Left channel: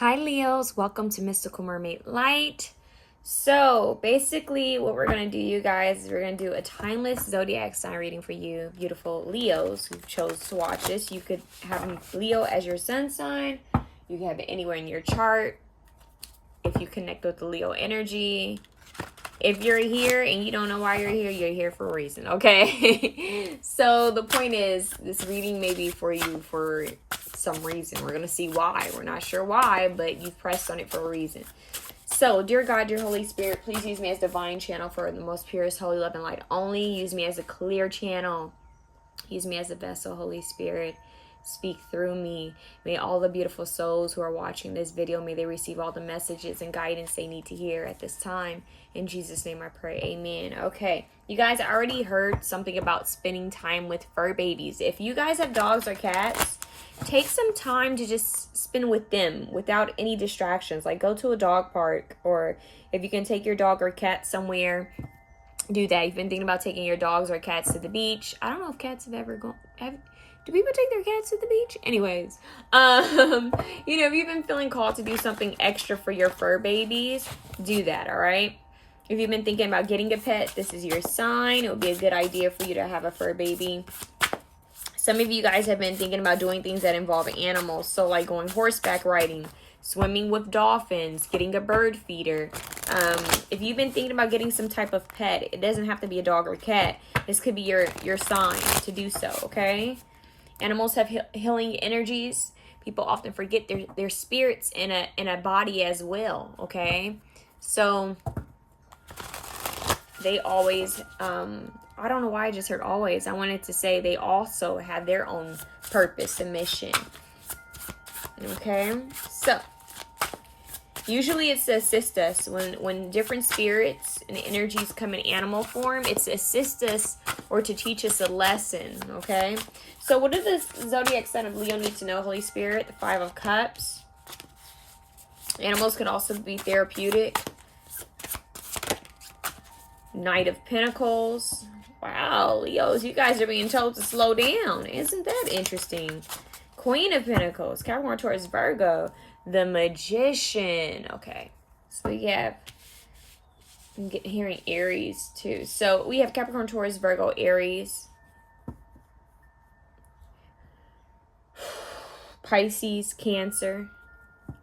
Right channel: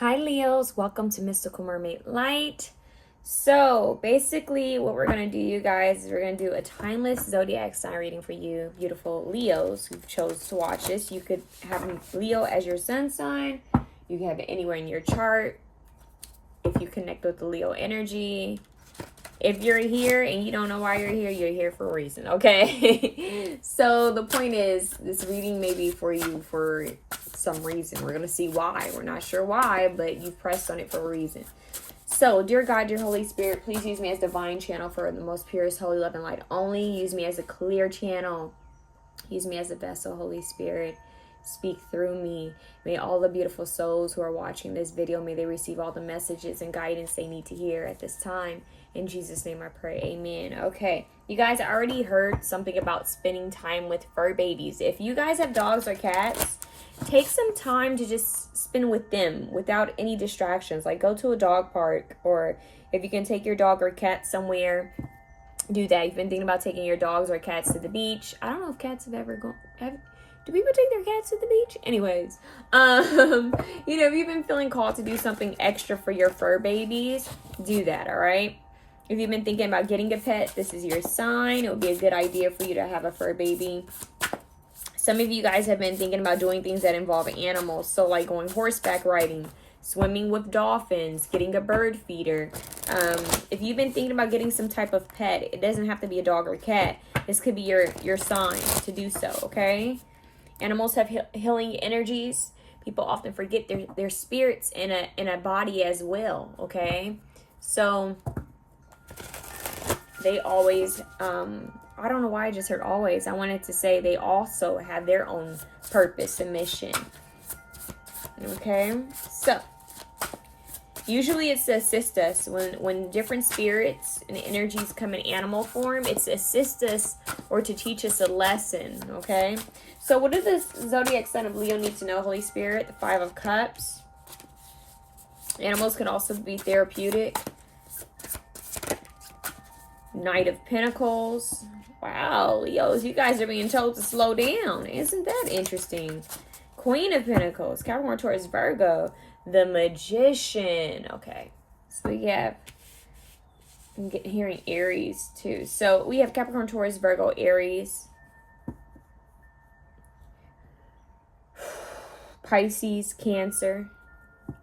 Hi Leos, welcome to Mystical Mermaid Light. So basically what we're going to do, you guys, is we're going to do a timeless zodiac sign reading for you, beautiful Leos who chose to watch this. You could have Leo as your sun sign. You can have it anywhere in your chart if you connect with the Leo energy. If you're here and you don't know why you're here for a reason, okay? So the point is, this reading may be for you for some reason. We're going to see why. We're not sure why, but you pressed on it for a reason. So, dear God, dear Holy Spirit, please use me as divine channel for the most purest, holy love and light only. Use me as a clear channel. Use me as a vessel, Holy Spirit. Speak through me. May all the beautiful souls who are watching this video, may they receive all the messages and guidance they need to hear at this time. In Jesus' name I pray. Amen. Okay. You guys already heard something about spending time with fur babies. If you guys have dogs or cats, take some time to just spend with them without any distractions. Like go to a dog park, or if you can take your dog or cat somewhere, do that. You've been thinking about taking your dogs or cats to the beach. I don't know if cats have ever gone. Do people take their cats to the beach? Anyways, you know, if you've been feeling called to do something extra for your fur babies, do that, all right? If you've been thinking about getting a pet, this is your sign. It would be a good idea for you to have a fur baby. Some of you guys have been thinking about doing things that involve animals. So like going horseback riding, swimming with dolphins, getting a bird feeder. If you've been thinking about getting some type of pet, it doesn't have to be a dog or cat. This could be your sign to do so, okay? Animals have healing energies. People often forget their spirits in a body as well, okay? So they always, I don't know why I just heard always. I wanted to say they also have their own purpose and mission. Okay, so usually it's to assist us when different spirits and energies come in animal form. It's to assist us or to teach us a lesson. Okay, so what does the zodiac sign of Leo need to know, Holy Spirit? The 5 of Cups. Animals can also be therapeutic. Knight of Pentacles. Wow, Leos, you guys are being told to slow down. Isn't that interesting? Queen of Pentacles, Capricorn, Taurus, Virgo, the Magician. Okay, so we have, I'm hearing Aries too. So we have Capricorn, Taurus, Virgo, Aries, Pisces, Cancer.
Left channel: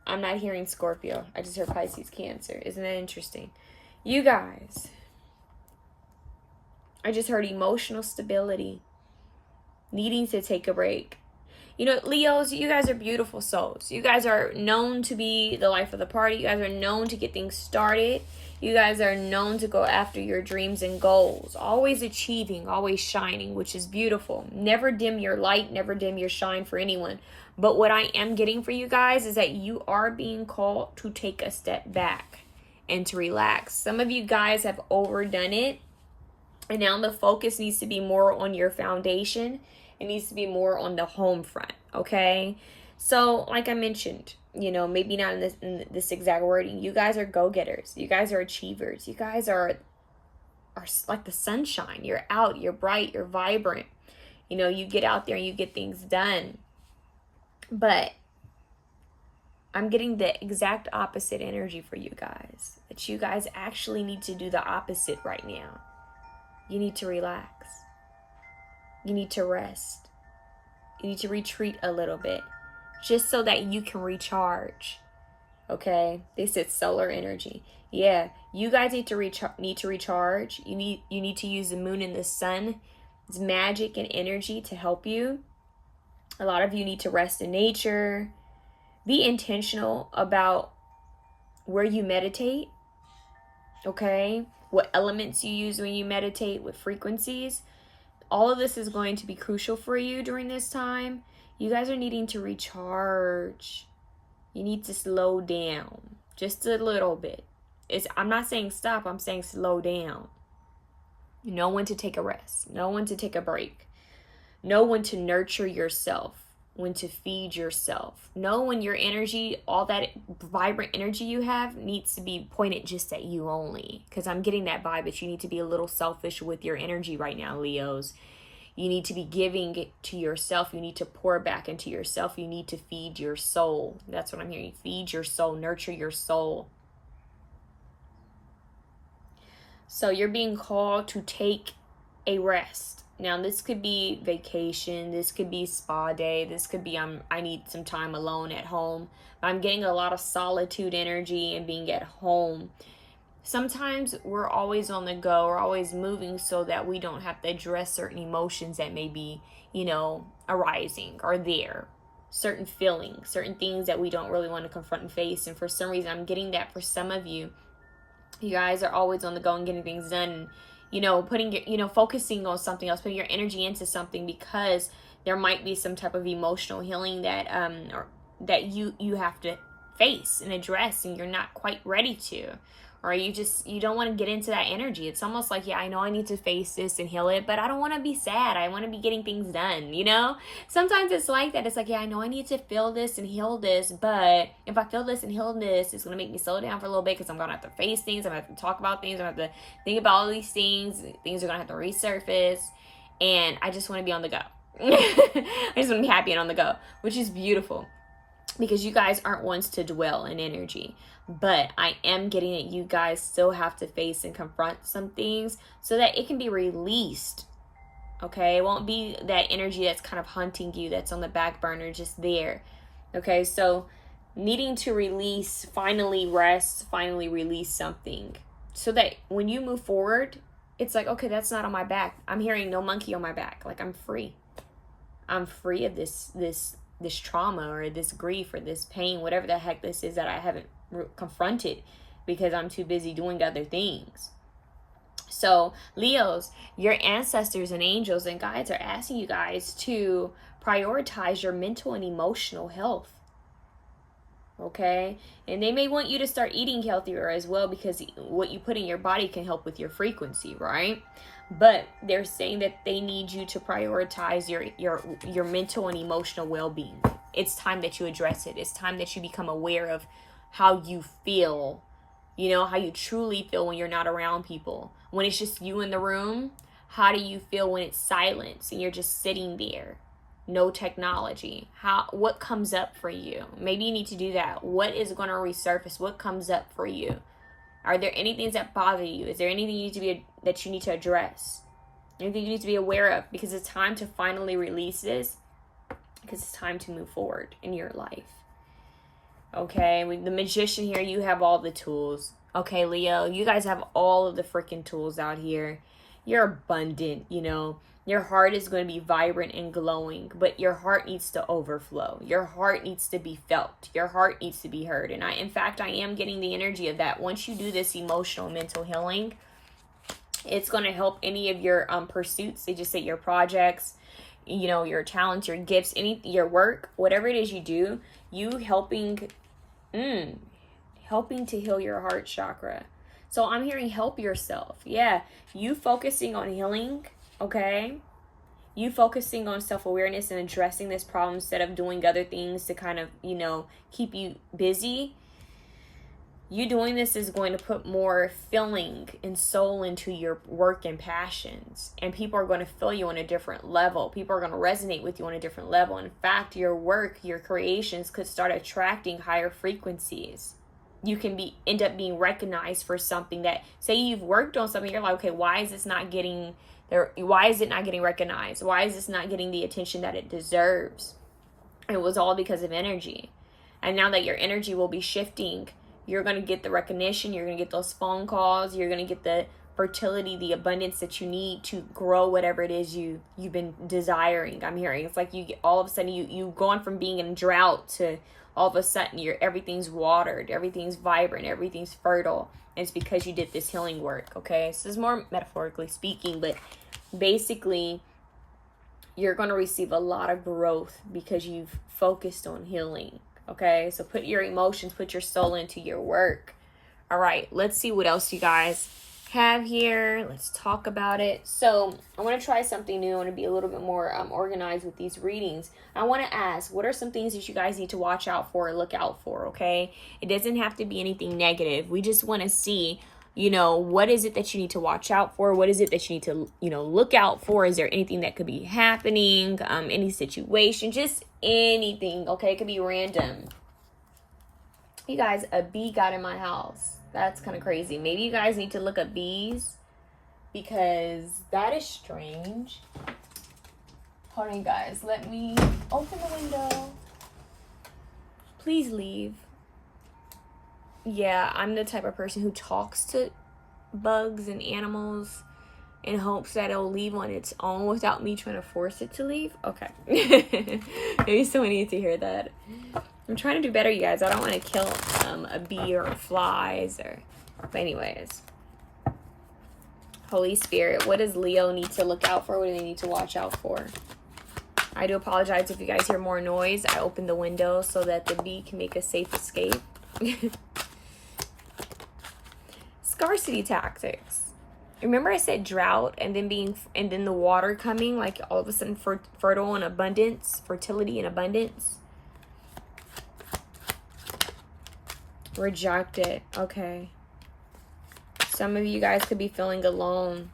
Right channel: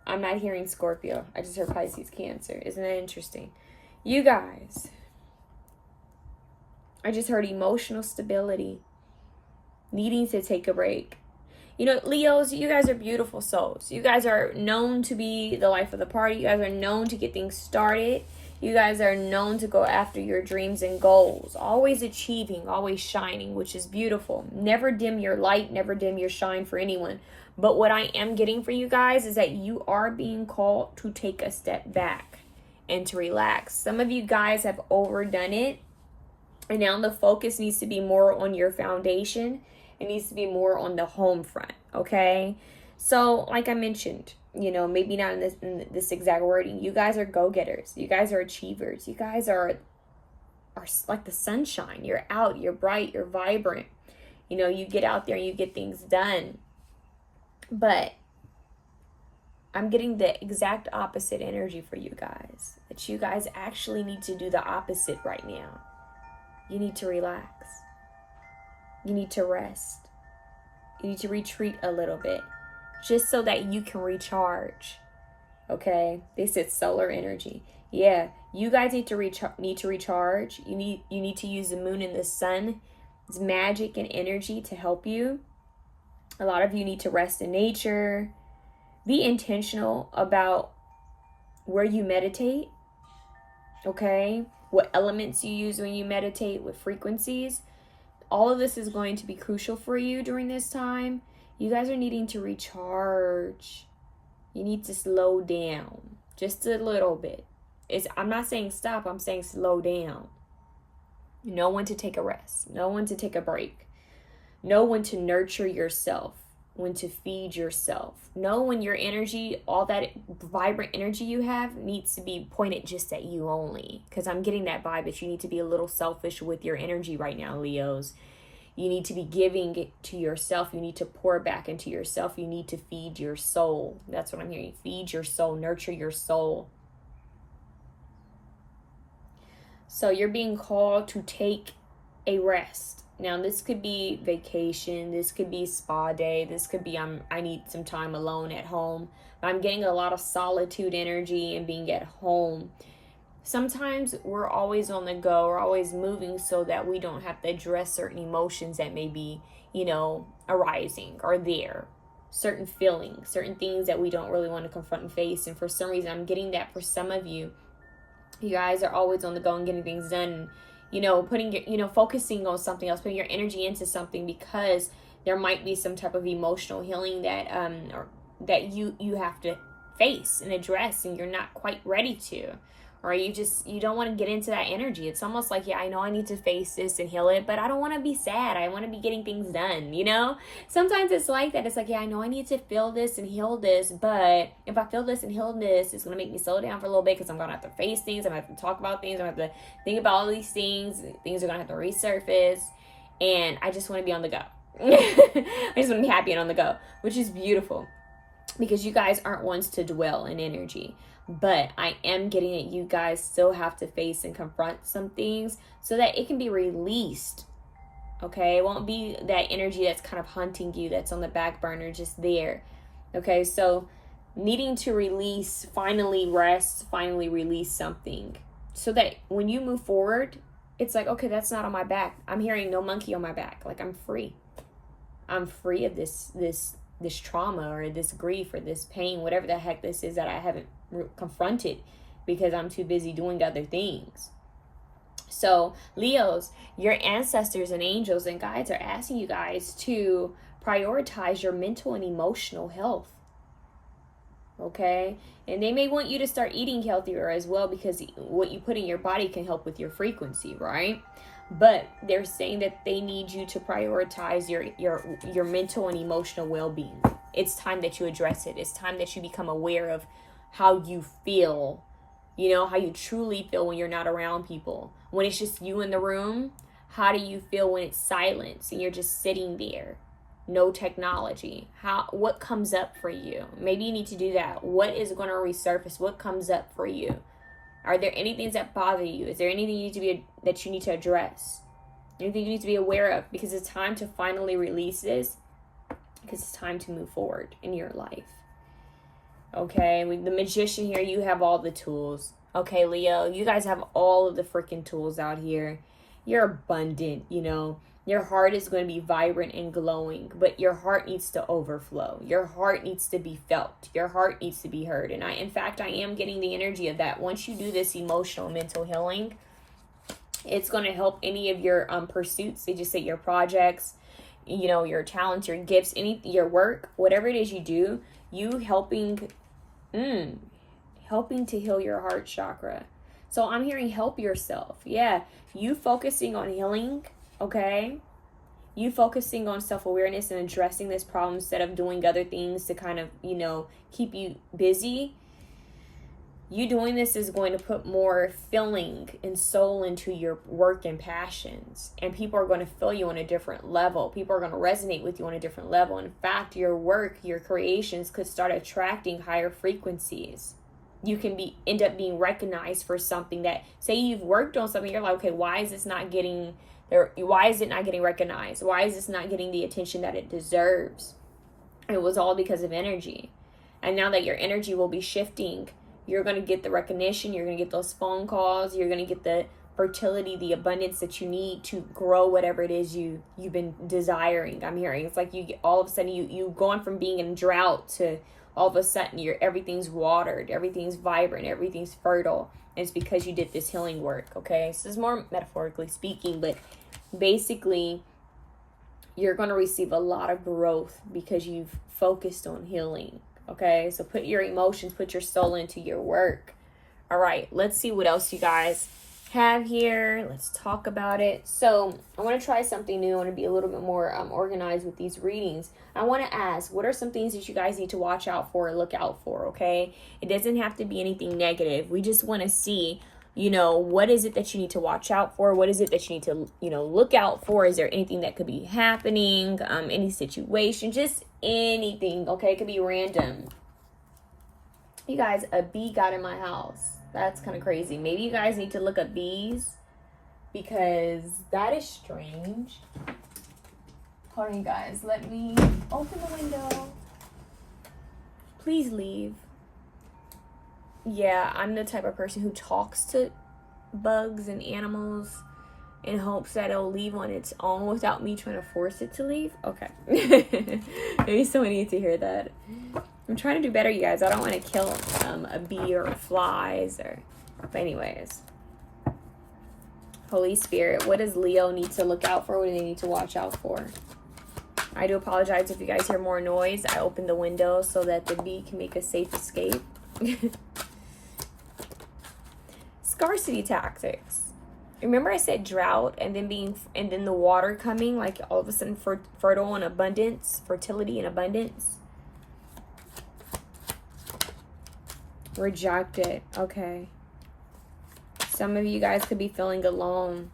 I'm not hearing Scorpio. I just heard Pisces, Cancer. Isn't that interesting? You guys, I just heard emotional stability, needing to take a break. You know, Leos, you guys are beautiful souls. You guys are known to be the life of the party. You guys are known to get things started. You guys are known to go after your dreams and goals. Always achieving, always shining, which is beautiful. Never dim your light, never dim your shine for anyone. But what I am getting for you guys is that you are being called to take a step back and to relax. Some of you guys have overdone it. And now the focus needs to be more on your foundation. It needs to be more on the home front, okay? So, like I mentioned, you know, maybe not in this exact wording. You guys are go-getters. You guys are achievers. You guys are like the sunshine. You're out. You're bright. You're vibrant. You know, you get out there and you get things done. But I'm getting the exact opposite energy for you guys. That you guys actually need to do the opposite right now. You need to relax. You need to rest. You need to retreat a little bit, just so that you can recharge. Okay? They said solar energy. Yeah, you guys need to recharge. You need to use the moon and the sun's magic and energy to help you. A lot of you need to rest in nature. Be intentional about where you meditate. Okay? What elements you use when you meditate, what frequencies. All of this is going to be crucial for you during this time. You guys are needing to recharge. You need to slow down just a little bit. I'm not saying stop, I'm saying slow down. Know when to take a rest. Know when to take a break. Know when to nurture yourself. When to feed yourself. Know when your energy, all that vibrant energy you have, needs to be pointed just at you only. Because I'm getting that vibe that you need to be a little selfish with your energy right now, Leos. You need to be giving it to yourself. You need to pour back into yourself. You need to feed your soul. That's what I'm hearing. Feed your soul. Nurture your soul. So you're being called to take a rest. Now, this could be vacation. This could be spa day. This could be I need some time alone at home. I'm getting a lot of solitude energy and being at home. Sometimes we're always on the go. We're always moving so that we don't have to address certain emotions that may be, arising or there. Certain feelings, certain things that we don't really want to confront and face. And for some reason, I'm getting that for some of you. You guys are always on the go and getting things done. Putting your, focusing on something else, putting your energy into something because there might be some type of emotional healing that that you have to face and address, and you're not quite ready to. Or you don't want to get into that energy. It's almost like, I know I need to face this and heal it, but I don't want to be sad. I want to be getting things done, Sometimes it's like that. It's like, I know I need to feel this and heal this, but if I feel this and heal this, it's going to make me slow down for a little bit because I'm going to have to face things. I'm going to have to talk about things. I'm going to have to think about all these things. Things are going to have to resurface, and I just want to be on the go. I just want to be happy and on the go, which is beautiful because you guys aren't ones to dwell in energy. But I am getting that you guys still have to face and confront some things so that it can be released. Okay? It won't be that energy that's kind of hunting you, that's on the back burner, just there. Okay? So needing to release, finally rest, finally release something so that when you move forward, it's like, okay, that's not on my back. I'm hearing no monkey on my back. Like, I'm free. I'm free of this trauma or this grief or this pain, whatever the heck this is that I haven't confronted because I'm too busy doing other things. So Leos, your ancestors and angels and guides are asking you guys to prioritize your mental and emotional health. Okay? And they may want you to start eating healthier as well because what you put in your body can help with your frequency, right? But they're saying that they need you to prioritize your mental and emotional well-being. It's time that you address it. It's time that you become aware of how you feel, how you truly feel when you're not around people. When it's just you in the room, how do you feel when it's silence and you're just sitting there? No technology. What comes up for you? Maybe you need to do that. What is going to resurface? What comes up for you? Are there any things that bother you? Is there anything that you need to address? Anything you need to be aware of? Because it's time to finally release this. Because it's time to move forward in your life. Okay, with the Magician here, you have all the tools. Okay, Leo, you guys have all of the freaking tools out here. You're abundant, Your heart is going to be vibrant and glowing, but your heart needs to overflow. Your heart needs to be felt. Your heart needs to be heard. And in fact, I am getting the energy of that. Once you do this emotional mental healing, it's going to help any of your pursuits. They just say your projects, your talents, your gifts, your work, whatever it is you do, you helping to heal your heart chakra. So I'm hearing help yourself. Yeah, you focusing on healing. Okay, you focusing on self-awareness and addressing this problem instead of doing other things to kind of, keep you busy. You doing this is going to put more feeling and soul into your work and passions. And people are going to feel you on a different level. People are going to resonate with you on a different level. In fact, your work, your creations could start attracting higher frequencies. You can end up being recognized for something that, say you've worked on something, you're like, okay, why is it not getting recognized? Why is this not getting the attention that it deserves? It was all because of energy. And now that your energy will be shifting, you're going to get the recognition, you're going to get those phone calls, you're going to get the fertility, the abundance that you need to grow whatever it is you've been desiring. I'm hearing it's like all of a sudden you've gone from being in drought to all of a sudden everything's watered, everything's vibrant, everything's fertile. And it's because you did this healing work. Okay, so this is more metaphorically speaking, but basically you're going to receive a lot of growth because you've focused on healing. Okay, so put your emotions, put your soul into your work. All right, let's see what else you guys have here. Let's talk about it. So I want to try something new. I want to be a little bit more organized with these readings. I want to ask, what are some things that you guys need to watch out for or look out for? Okay, it doesn't have to be anything negative. We just want to see, You know, what is it that you need to watch out for? What is it that you need to, you know, look out for? Is there anything that could be happening? Any situation, just anything, okay? It could be random. You guys, a bee got in my house. That's kind of crazy. Maybe you guys need to look at bees, because that is strange. Hold on, you guys. Let me open the window. Please leave. Yeah, I'm the type of person who talks to bugs and animals in hopes that it'll leave on its own without me trying to force it to leave. Okay. Maybe someone needs to hear that. I'm trying to do better, you guys. I don't want to kill a bee or flies or... But anyways. Holy Spirit, what does Leo need to look out for? What do they need to watch out for? I do apologize if you guys hear more noise. I opened the window so that the bee can make a safe escape. Scarcity tactics. Remember I said drought and then the water coming, like all of a sudden fertile and abundance, fertility and abundance. Rejected. Okay. Some of you guys could be feeling alone.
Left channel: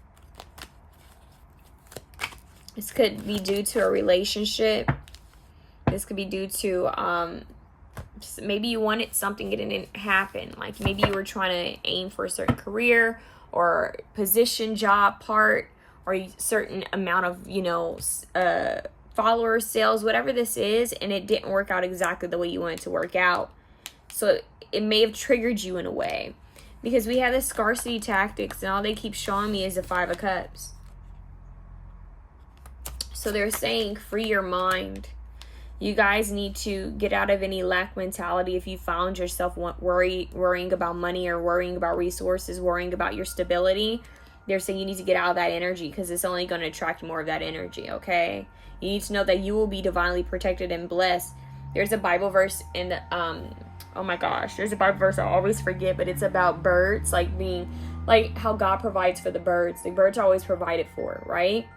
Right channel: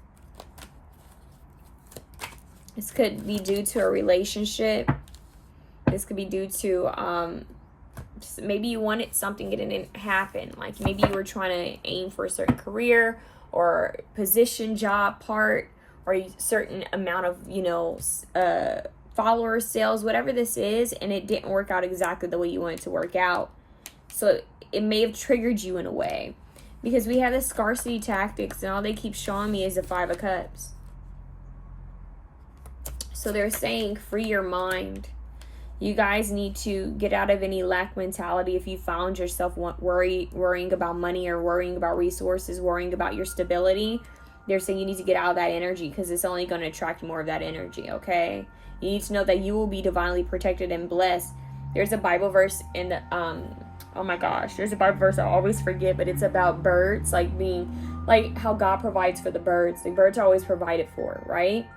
This could be due to a relationship. This could be due to maybe you wanted something, it didn't happen. Like maybe you were trying to aim for a certain career or position, job, part, or a certain amount of, you know, followers, sales, whatever this is, and it didn't work out exactly the way you wanted it to work out. So it may have triggered you in a way, because we have this scarcity tactics and all they keep showing me is the 5 of Cups. So they're saying free your mind. You guys need to get out of any lack mentality. If you found yourself worrying about money or worrying about resources, worrying about your stability, they're saying you need to get out of that energy, because it's only going to attract more of that energy, okay? You need to know that you will be divinely protected and blessed. There's a Bible verse in the, oh my gosh, there's a Bible verse I always forget, but it's about birds, like being, like how God provides for the birds. The birds are always provided for, right?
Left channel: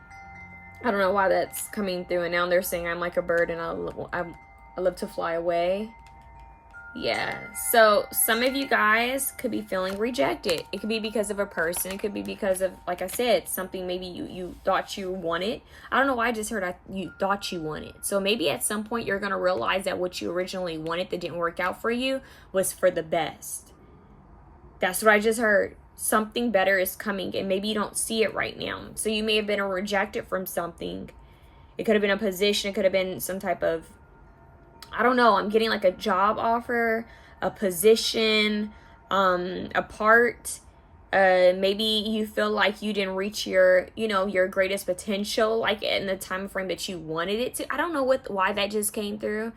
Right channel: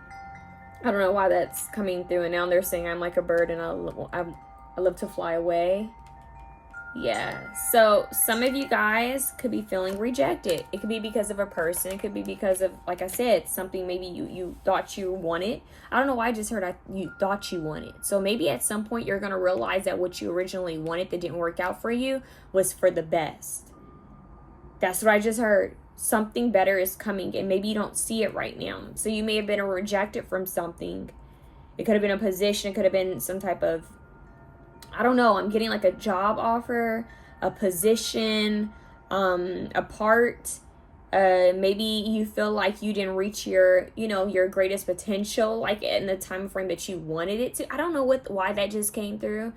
I don't know why that's coming through, and now they're saying I'm like a bird and I love to fly away. Yeah, so some of you guys could be feeling rejected. It could be because of a person. It could be because of, like I said, something maybe you thought you wanted. I don't know why I just heard you thought you wanted. So maybe at some point you're going to realize that what you originally wanted that didn't work out for you was for the best. That's what I just heard. Something better is coming, and maybe you don't see it right now. So you may have been rejected from something. It could have been a position. It could have been some type of, I don't know. I'm getting like a job offer, a position, a part. Maybe you feel like you didn't reach your, you know, your greatest potential, like in the time frame that you wanted it to. I don't know why that just came through.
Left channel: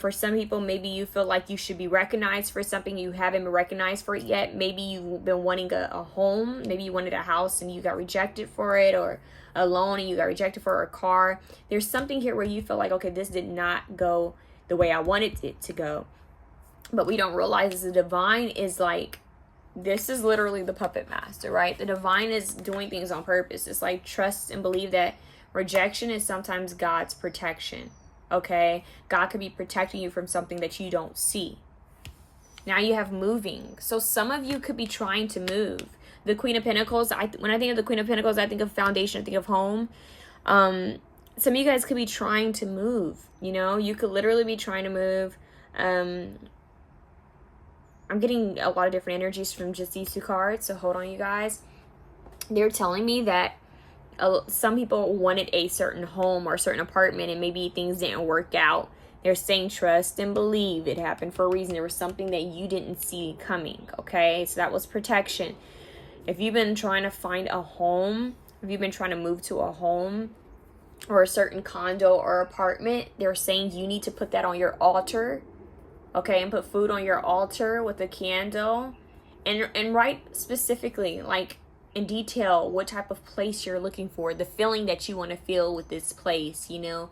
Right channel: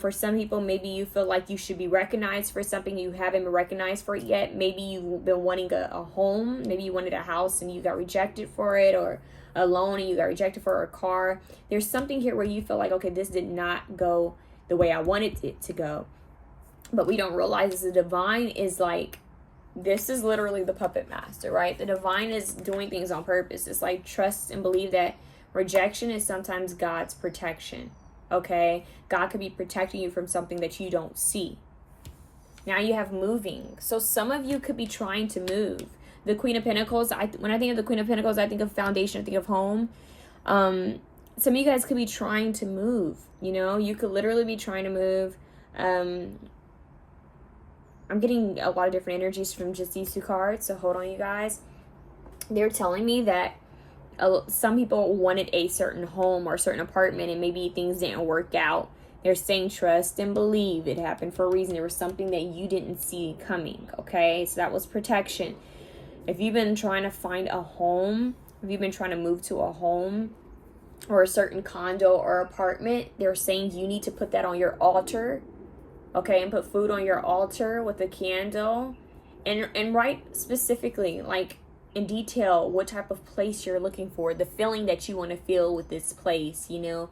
For some people, maybe you feel like you should be recognized for something you haven't been recognized for it yet. Maybe you've been wanting a home. Maybe you wanted a house and you got rejected for it, or a loan and you got rejected for a car. There's something here where you feel like, okay, this did not go the way I wanted it to go. But we don't realize the divine is like, this is literally the puppet master, right? The divine is doing things on purpose. It's like trust and believe that rejection is sometimes God's protection. Okay, God could be protecting you from something that you don't see. Now you have moving. So some of you could be trying to move. The Queen of Pentacles, when I think of the Queen of Pentacles, I think of foundation, I think of home. Some of you guys could be trying to move. You know, you could literally be trying to move. I'm getting a lot of different energies from just these 2 cards. So hold on, you guys. They're telling me that some people wanted a certain home or a certain apartment, and maybe things didn't work out. They're saying trust and believe it happened for a reason. There was something that you didn't see coming, okay? So that was protection. If you've been trying to find a home, if you've been trying to move to a home or a certain condo or apartment, they're saying you need to put that on your altar, okay? And put food on your altar with a candle, and write specifically, like, in detail, what type of place you're looking for, the feeling that you want to feel with this place, you know.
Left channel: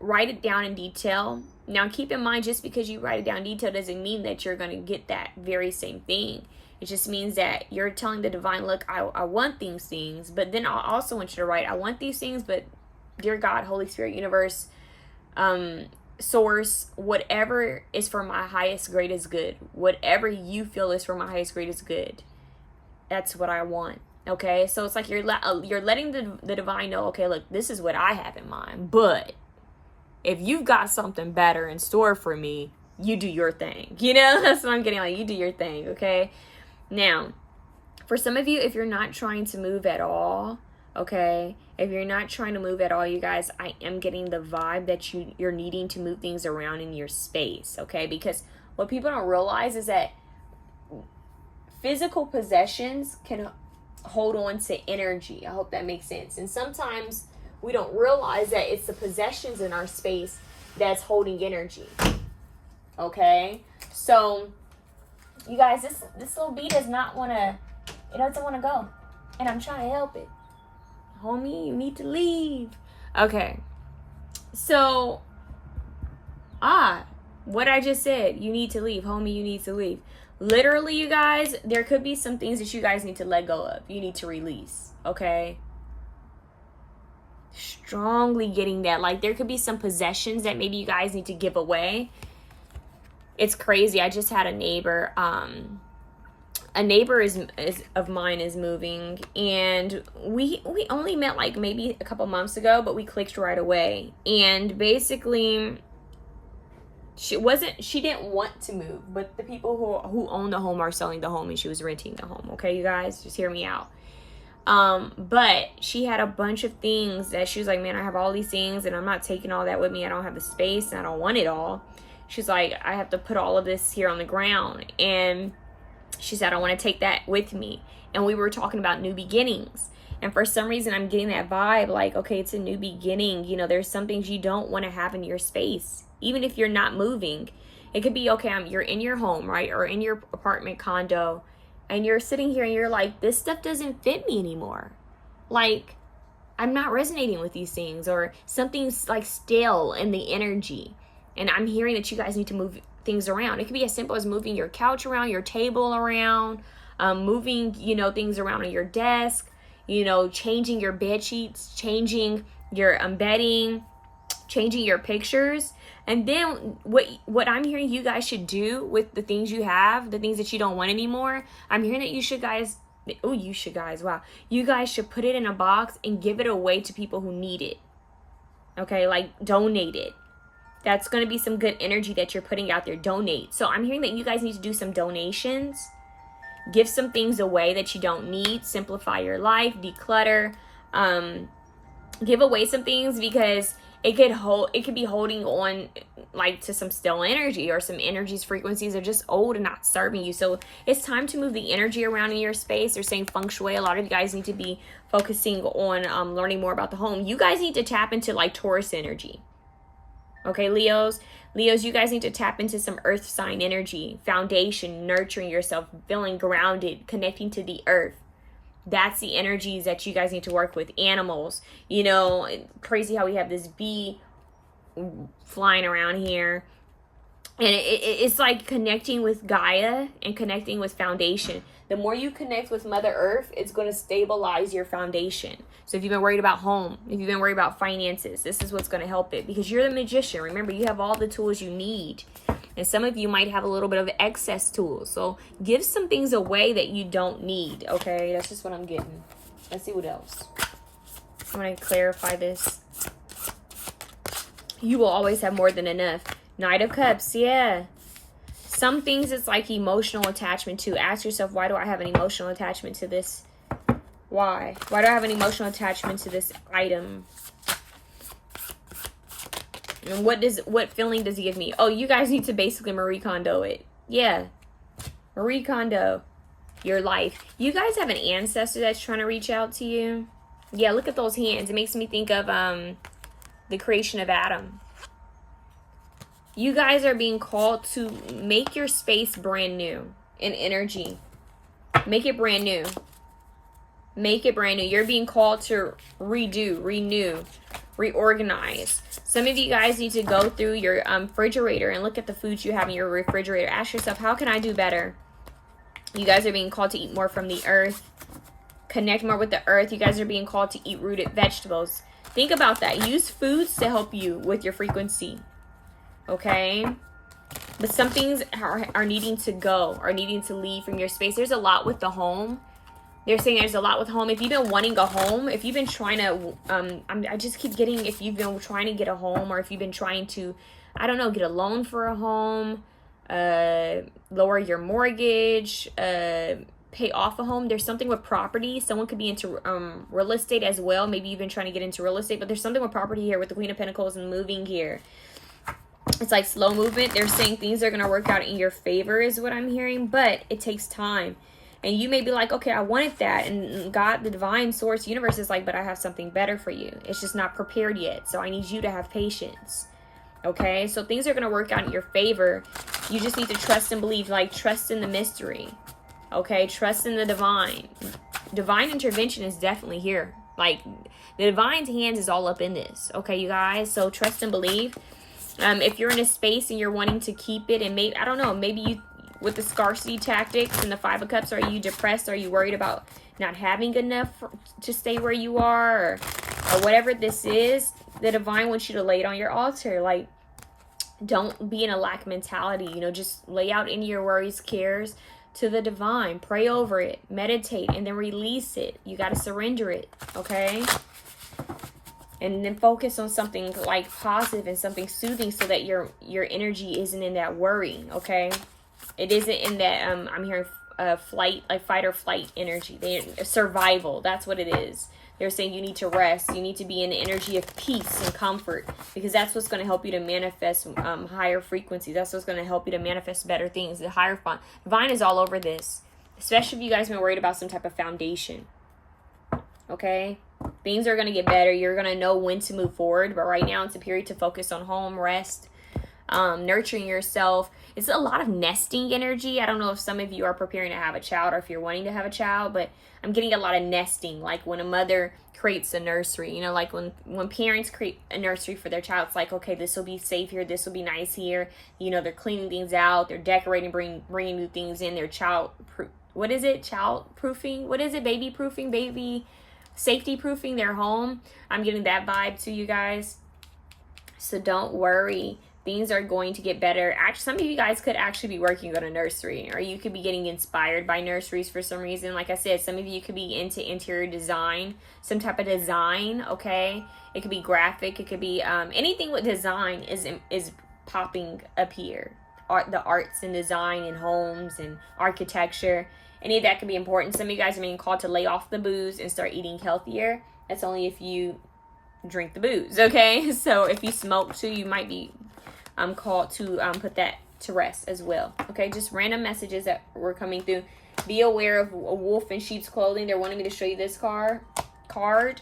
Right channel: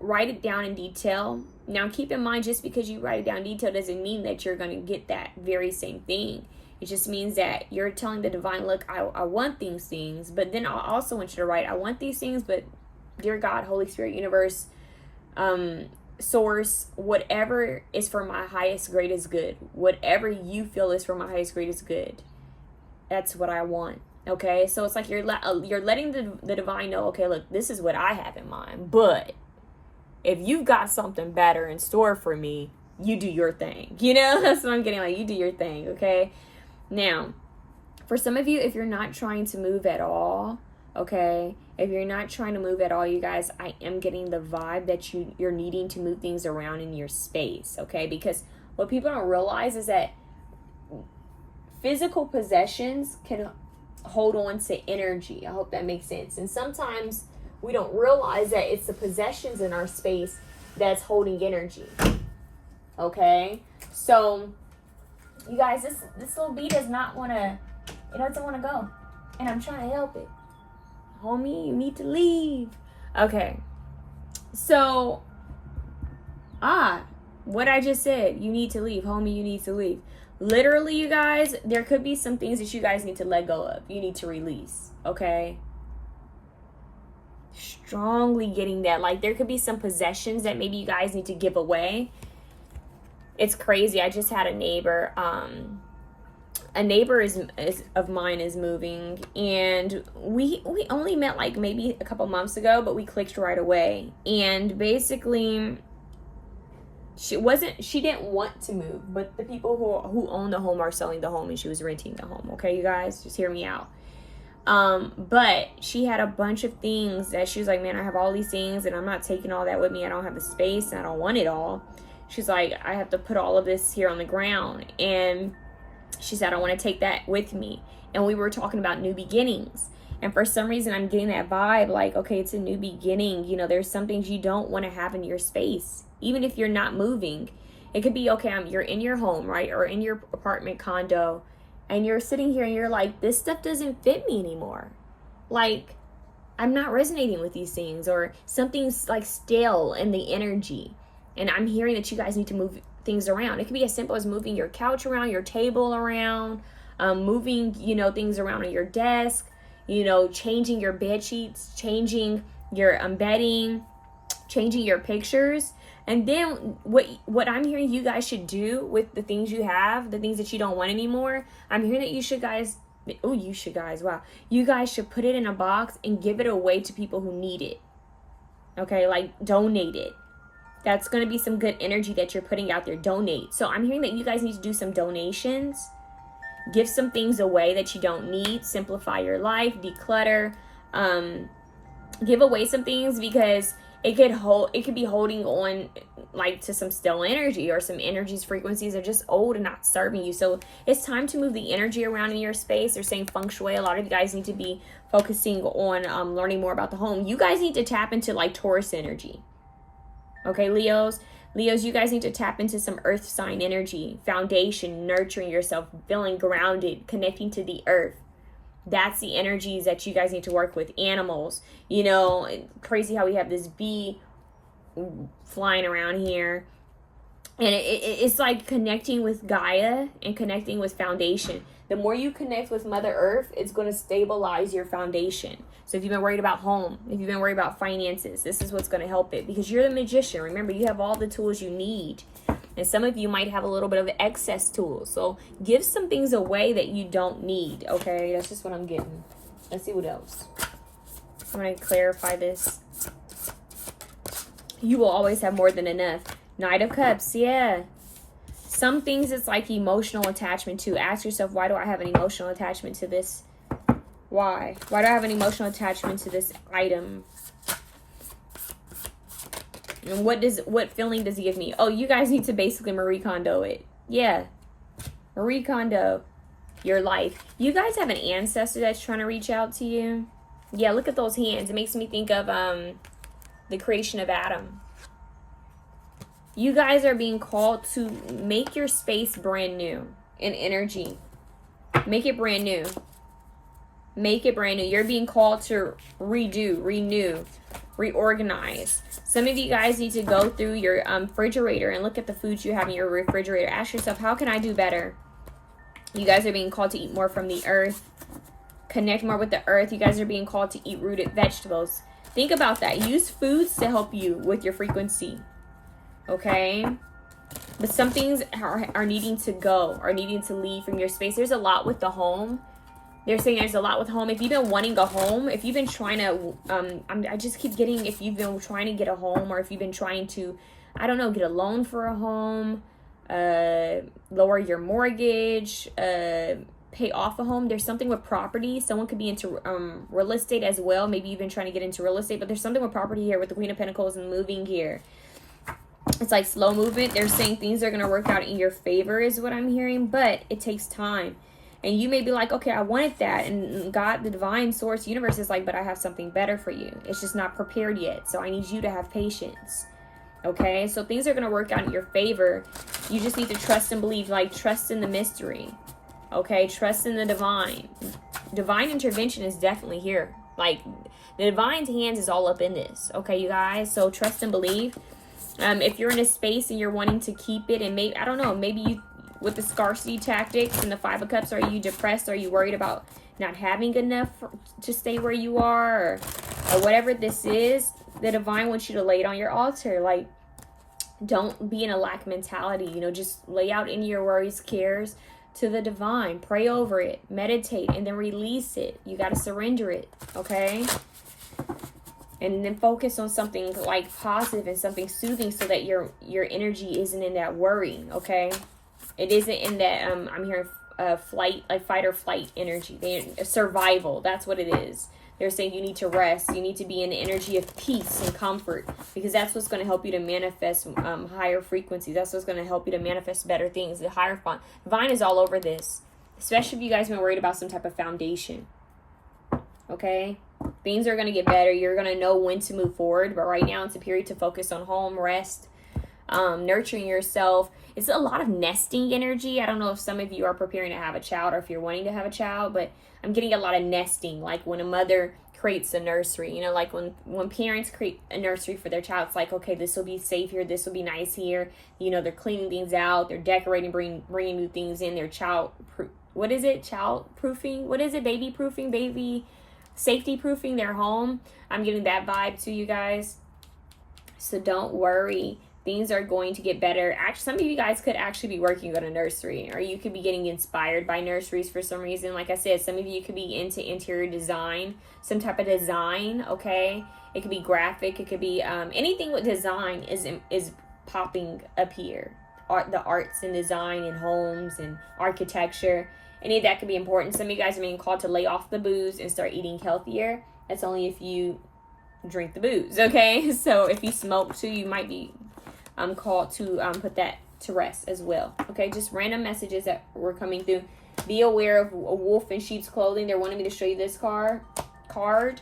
Write it down in detail. Now keep in mind, just because you write it down in detail doesn't mean that you're going to get that very same thing. It just means that you're telling the divine, look, I want these things, but then I also want you to write, I want these things, but dear God, Holy Spirit, universe, source, whatever is for my highest, greatest good, whatever you feel is for my highest, greatest good, that's what I want. Okay, so it's like you're letting the divine know, okay, look, this is what I have in mind, but if you've got something better in store for me, you do your thing. You know, that's what I'm getting, like, you do your thing. Okay, now for some of you, if you're not trying to move at all, okay, if you're not trying to move at all, you guys, I am getting the vibe that you're needing to move things around in your space. Okay, because what people don't realize is that physical possessions can hold on to energy. I hope that makes sense. And sometimes we don't realize that it's the possessions in our space that's holding energy. Okay, so you guys, this little bee does not want to, it doesn't want to go, and I'm trying to help it. Homie, you need to leave. Okay, so what I just said, you need to leave, homie, you need to leave. Literally, you guys, there could be some things that you guys need to let go of. You need to release. Okay, strongly getting that. Like, there could be some possessions that maybe you guys need to give away. It's crazy. I just had a neighbor. A neighbor of mine is moving, and we only met like maybe a couple months ago, but we clicked right away. And basically, she didn't want to move, but the people who own the home are selling the home, and she was renting the home. Okay, you guys, just hear me out. But she had a bunch of things that she was like, man, I have all these things, and I'm not taking all that with me. I don't have the space, and I don't want it all. She's like, I have to put all of this here on the ground. And she said, I want to take that with me. And we were talking about new beginnings. And for some reason, I'm getting that vibe like, okay, it's a new beginning. You know, there's some things you don't want to have in your space, even if you're not moving. It could be, okay, you're in your home, right? Or in your apartment condo, and you're sitting here and you're like, this stuff doesn't fit me anymore. Like, I'm not resonating with these things, or something's like stale in the energy. And I'm hearing that you guys need to move things around. It could be as simple as moving your couch around, your table around, moving, you know, things around on your desk, you know, changing your bed sheets, changing your bedding, changing your pictures. And then what I'm hearing you guys should do with the things you have, the things that you don't want anymore, I'm hearing that you guys should put it in a box and give it away to people who need it. Okay, like donate it. That's going to be some good energy that you're putting out there. Donate. So I'm hearing that you guys need to do some donations. Give some things away that you don't need. Simplify your life. Declutter. Give away some things, because it could be holding on like to some stale energy, or some energies, frequencies are just old and not serving you. So it's time to move the energy around in your space. They're saying feng shui. A lot of you guys need to be focusing on learning more about the home. You guys need to tap into like Taurus energy. Okay, Leos, you guys need to tap into some earth sign energy, foundation, nurturing yourself, feeling grounded, connecting to the earth. That's the energies that you guys need to work with. Animals, you know, crazy how we have this bee flying around here. And it's like connecting with Gaia and connecting with foundation. The more you connect with Mother Earth, it's going to stabilize your foundation. So if you've been worried about home, if you've been worried about finances, this is what's going to help it, because you're the magician. Remember, you have all the tools you need. And some of you might have a little bit of excess tools. So give some things away that you don't need. Okay, that's just what I'm getting. Let's see what else. I'm going to clarify this. You will always have more than enough. Knight of Cups, yeah. Some things it's like emotional attachment to. Ask yourself, why do I have an emotional attachment to this? Why? Why do I have an emotional attachment to this item? And what feeling does it give me? Oh, you guys need to basically Marie Kondo it. Yeah. Marie Kondo your life. You guys have an ancestor that's trying to reach out to you. Yeah, look at those hands. It makes me think of the creation of Adam. You guys are being called to make your space brand new in energy. Make it brand new. Make it brand new. You're being called to redo, renew, reorganize. Some of you guys need to go through your refrigerator and look at the foods you have in your refrigerator. Ask yourself, how can I do better? You guys are being called to eat more from the earth. Connect more with the earth. You guys are being called to eat rooted vegetables. Think about that. Use foods to help you with your frequency. Okay? But some things are needing to go, or needing to leave from your space. There's a lot with the home. They're saying there's a lot with home. If you've been wanting a home, if you've been trying to, I just keep getting, if you've been trying to get a home, or if you've been trying to, I don't know, get a loan for a home, lower your mortgage, pay off a home. There's something with property. Someone could be into real estate as well. Maybe you've been trying to get into real estate, but there's something with property here with the Queen of Pentacles and moving here. It's like slow movement. They're saying things are going to work out in your favor is what I'm hearing, but it takes time. And you may be like, okay, I wanted that. And God, the divine source, universe is like, but I have something better for you. It's just not prepared yet. So I need you to have patience. Okay, so things are going to work out in your favor. You just need to trust and believe, like trust in the mystery. Okay, trust in the divine. Divine intervention is definitely here. Like the divine's hands is all up in this. Okay, you guys. So trust and believe. If you're in a space and you're wanting to keep it, and maybe, I don't know, maybe you, with the scarcity tactics and the 5 of Cups, are you depressed? Are you worried about not having enough to stay where you are, or whatever this is? The divine wants you to lay it on your altar. Like, don't be in a lack mentality. You know, just lay out any of your worries, cares to the divine. Pray over it, meditate, and then release it. You got to surrender it, okay? And then focus on something like positive and something soothing, so that your energy isn't in that worry, okay? It isn't in that I'm hearing flight, like fight or flight energy. Survival, that's what it is. They're saying you need to rest. You need to be in the energy of peace and comfort, because that's what's going to help you to manifest higher frequencies. That's what's going to help you to manifest better things. The higher divine is all over this, especially if you guys have been worried about some type of foundation. Okay, things are going to get better. You're going to know when to move forward, but right now it's a period to focus on home, rest, nurturing yourself. It's a lot of nesting energy. I don't know if some of you are preparing to have a child, or if you're wanting to have a child, but I'm getting a lot of nesting. Like when a mother creates a nursery, you know, like when parents create a nursery for their child, it's like, okay, this will be safe here, this will be nice here. You know, they're cleaning things out, they're decorating, bringing new things in. They're child proofing? What is it? Baby proofing, baby safety proofing their home. I'm getting that vibe to you guys. So don't worry. Things are going to get better. Actually, some of you guys could actually be working on a nursery, or you could be getting inspired by nurseries for some reason. Like I said, some of you could be into interior design, some type of design, okay? It could be graphic. It could be anything with design is popping up here. The arts and design and homes and architecture. Any of that could be important. Some of you guys are being called to lay off the booze and start eating healthier. That's only if you drink the booze, okay? So if you smoke too, you might be called to put that to rest as well. Okay, just random messages that were coming through. Be aware of a wolf in sheep's clothing. They're wanting me to show you this card.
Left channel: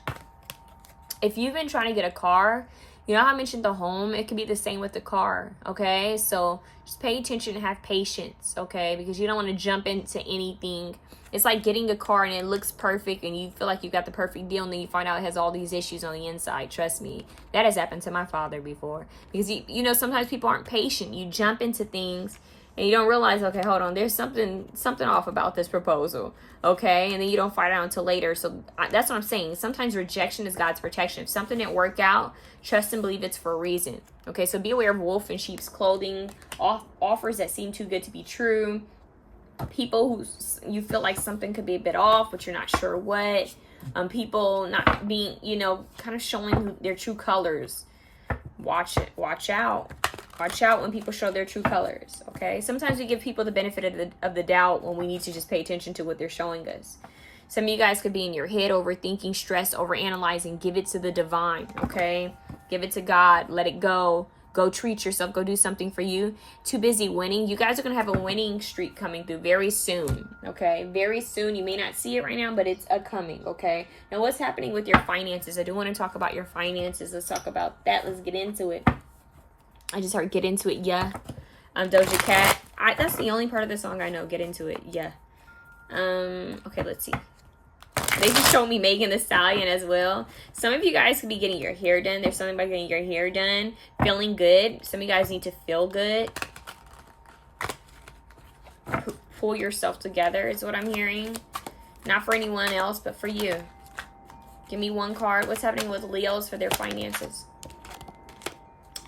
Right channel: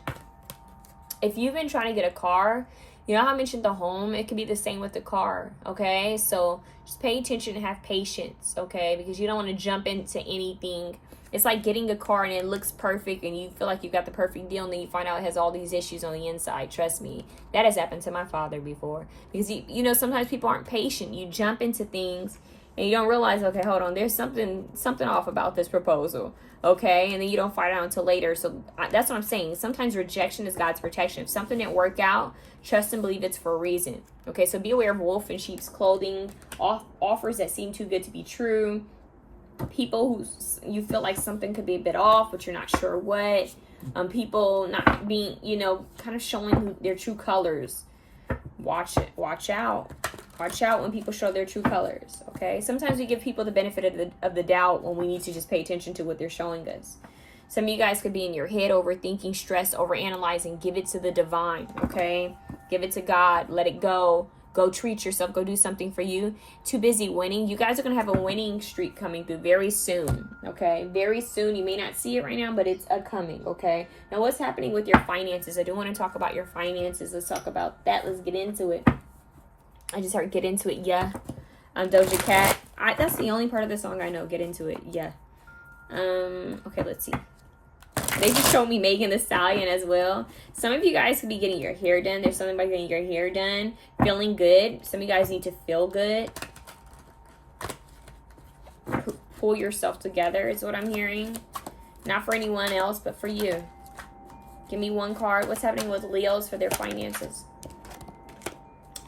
If you've been trying to get a car, you know how I mentioned the home? It could be the same with the car, okay? So just pay attention and have patience, okay? Because you don't want to jump into anything. It's like getting a car and it looks perfect and you feel like you got the perfect deal, and then you find out it has all these issues on the inside. Trust me, that has happened to my father before. Because, you know, sometimes people aren't patient. You jump into things and you don't realize, okay, hold on, there's something off about this proposal, okay? And then you don't find out until later. So that's what I'm saying. Sometimes rejection is God's protection. If something didn't work out, trust and believe it's for a reason, okay? So be aware of wolf in sheep's clothing, offers that seem too good to be true, people who you feel like something could be a bit off, but you're not sure what, people not being, you know, kind of showing their true colors. Watch out when people show their true colors, okay? Sometimes we give people the benefit of the doubt when we need to just pay attention to what they're showing us. Some of you guys could be in your head, overthinking, stress, overanalyzing. Give it to the divine, okay? Give it to God. Let it go. Go treat yourself. Go do something for you. Too busy winning. You guys are going to have a winning streak coming through very soon, okay? Very soon. You may not see it right now, but it's coming, okay? Now, what's happening with your finances? I do want to talk about your finances. Let's talk about that. Let's get into it. I just heard get into it, yeah. Doja Cat. That's the only part of the song I know. Get into it, yeah. Okay, let's see. They just showed me Megan Thee Stallion as well. Some of you guys could be getting your hair done. There's something about getting your hair done. Feeling good. Some of you guys need to feel good. Pull yourself together is what I'm hearing. Not for anyone else, but for you. Give me one card. What's happening with Leos for their finances?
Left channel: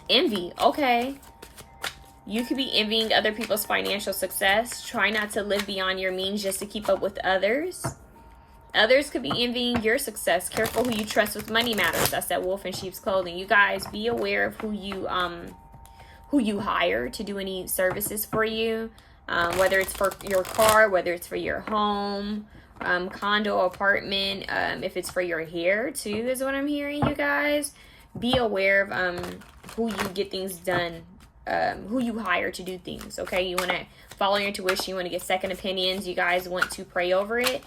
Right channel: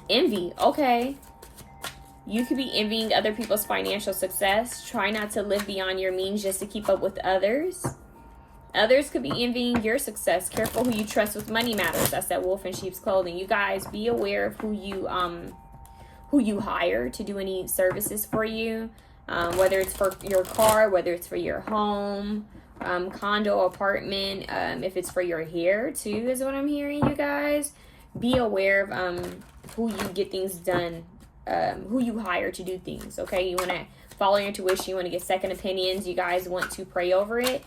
Envy. Okay. You could be envying other people's financial success. Try not to live beyond your means just to keep up with others. Others could be envying your success. Careful who you trust with money matters. That's that wolf in sheep's clothing. You guys, be aware of who you hire to do any services for you. Whether it's for your car, whether it's for your home, condo, apartment, if it's for your hair too, is what I'm hearing, you guys. Be aware of who you get things done, who you hire to do things, okay? You want to follow your intuition. You want to get second opinions. You guys want to pray over it.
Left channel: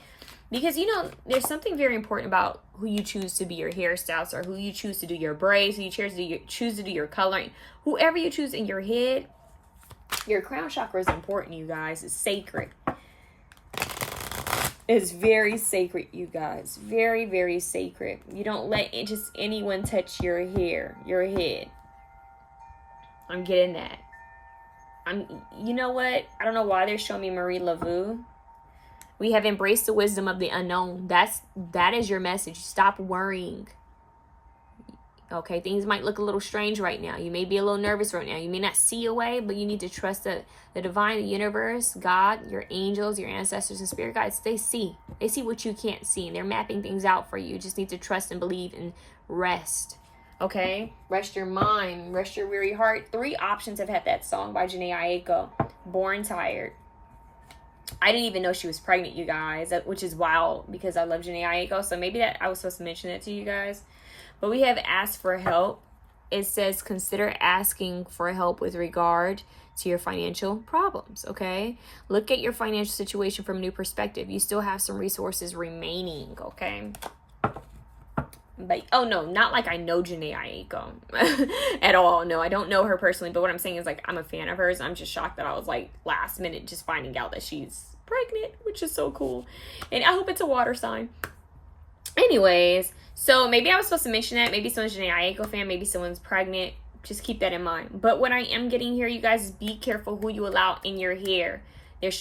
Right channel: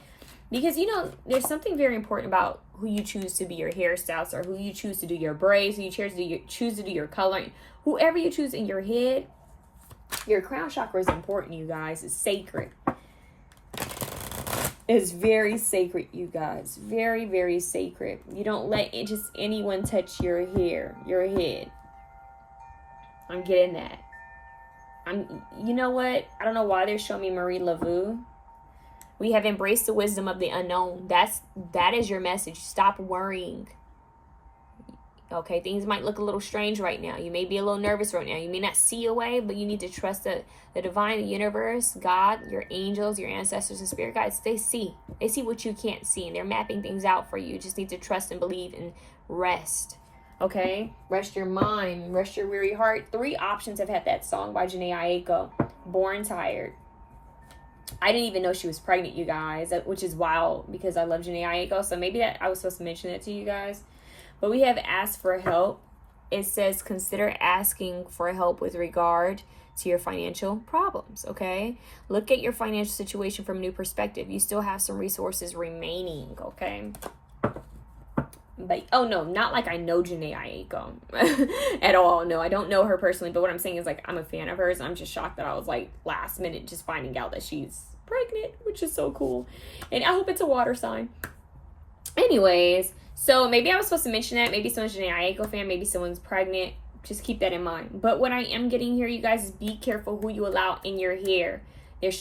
Because, you know, there's something very important about who you choose to be your hairstylist, or who you choose to do your braids, who you choose to do your coloring. Whoever you choose in your head, your crown chakra is important, you guys. It's sacred. It's very sacred, you guys. Very, very sacred. You don't let just anyone touch your hair, your head. I'm getting that. You know what? I don't know why they're showing me Marie Laveau. We have embraced the wisdom of the unknown. That is your message. Stop worrying. Okay, things might look a little strange right now. You may be a little nervous right now. You may not see a way, but you need to trust that the divine, the universe, God, your angels, your ancestors, and spirit guides, they see. They see what you can't see, and they're mapping things out for you. You just need to trust and believe and rest. Okay? Rest your mind. Rest your weary heart. 3 options have had that song by Jhené Aiko. Born Tired. I didn't even know she was pregnant, you guys, which is wild because I love Jhené Aiko. So maybe that I was supposed to mention it to you guys. But we have asked for help. It says consider asking for help with regard to your financial problems, okay? Look at your financial situation from a new perspective. You still have some resources remaining, okay? But, oh no, not like I know Jhené Aiko at all. No, I don't know her personally. But what I'm saying is, like, I'm a fan of hers. I'm just shocked that I was, like, last minute just finding out that she's pregnant, which is so cool. And I hope it's a water sign. Anyways, so maybe I was supposed to mention that. Maybe someone's Jhené Aiko fan. Maybe someone's pregnant. Just keep that in mind. But what I am getting here, you guys, is be careful who you allow in your hair. They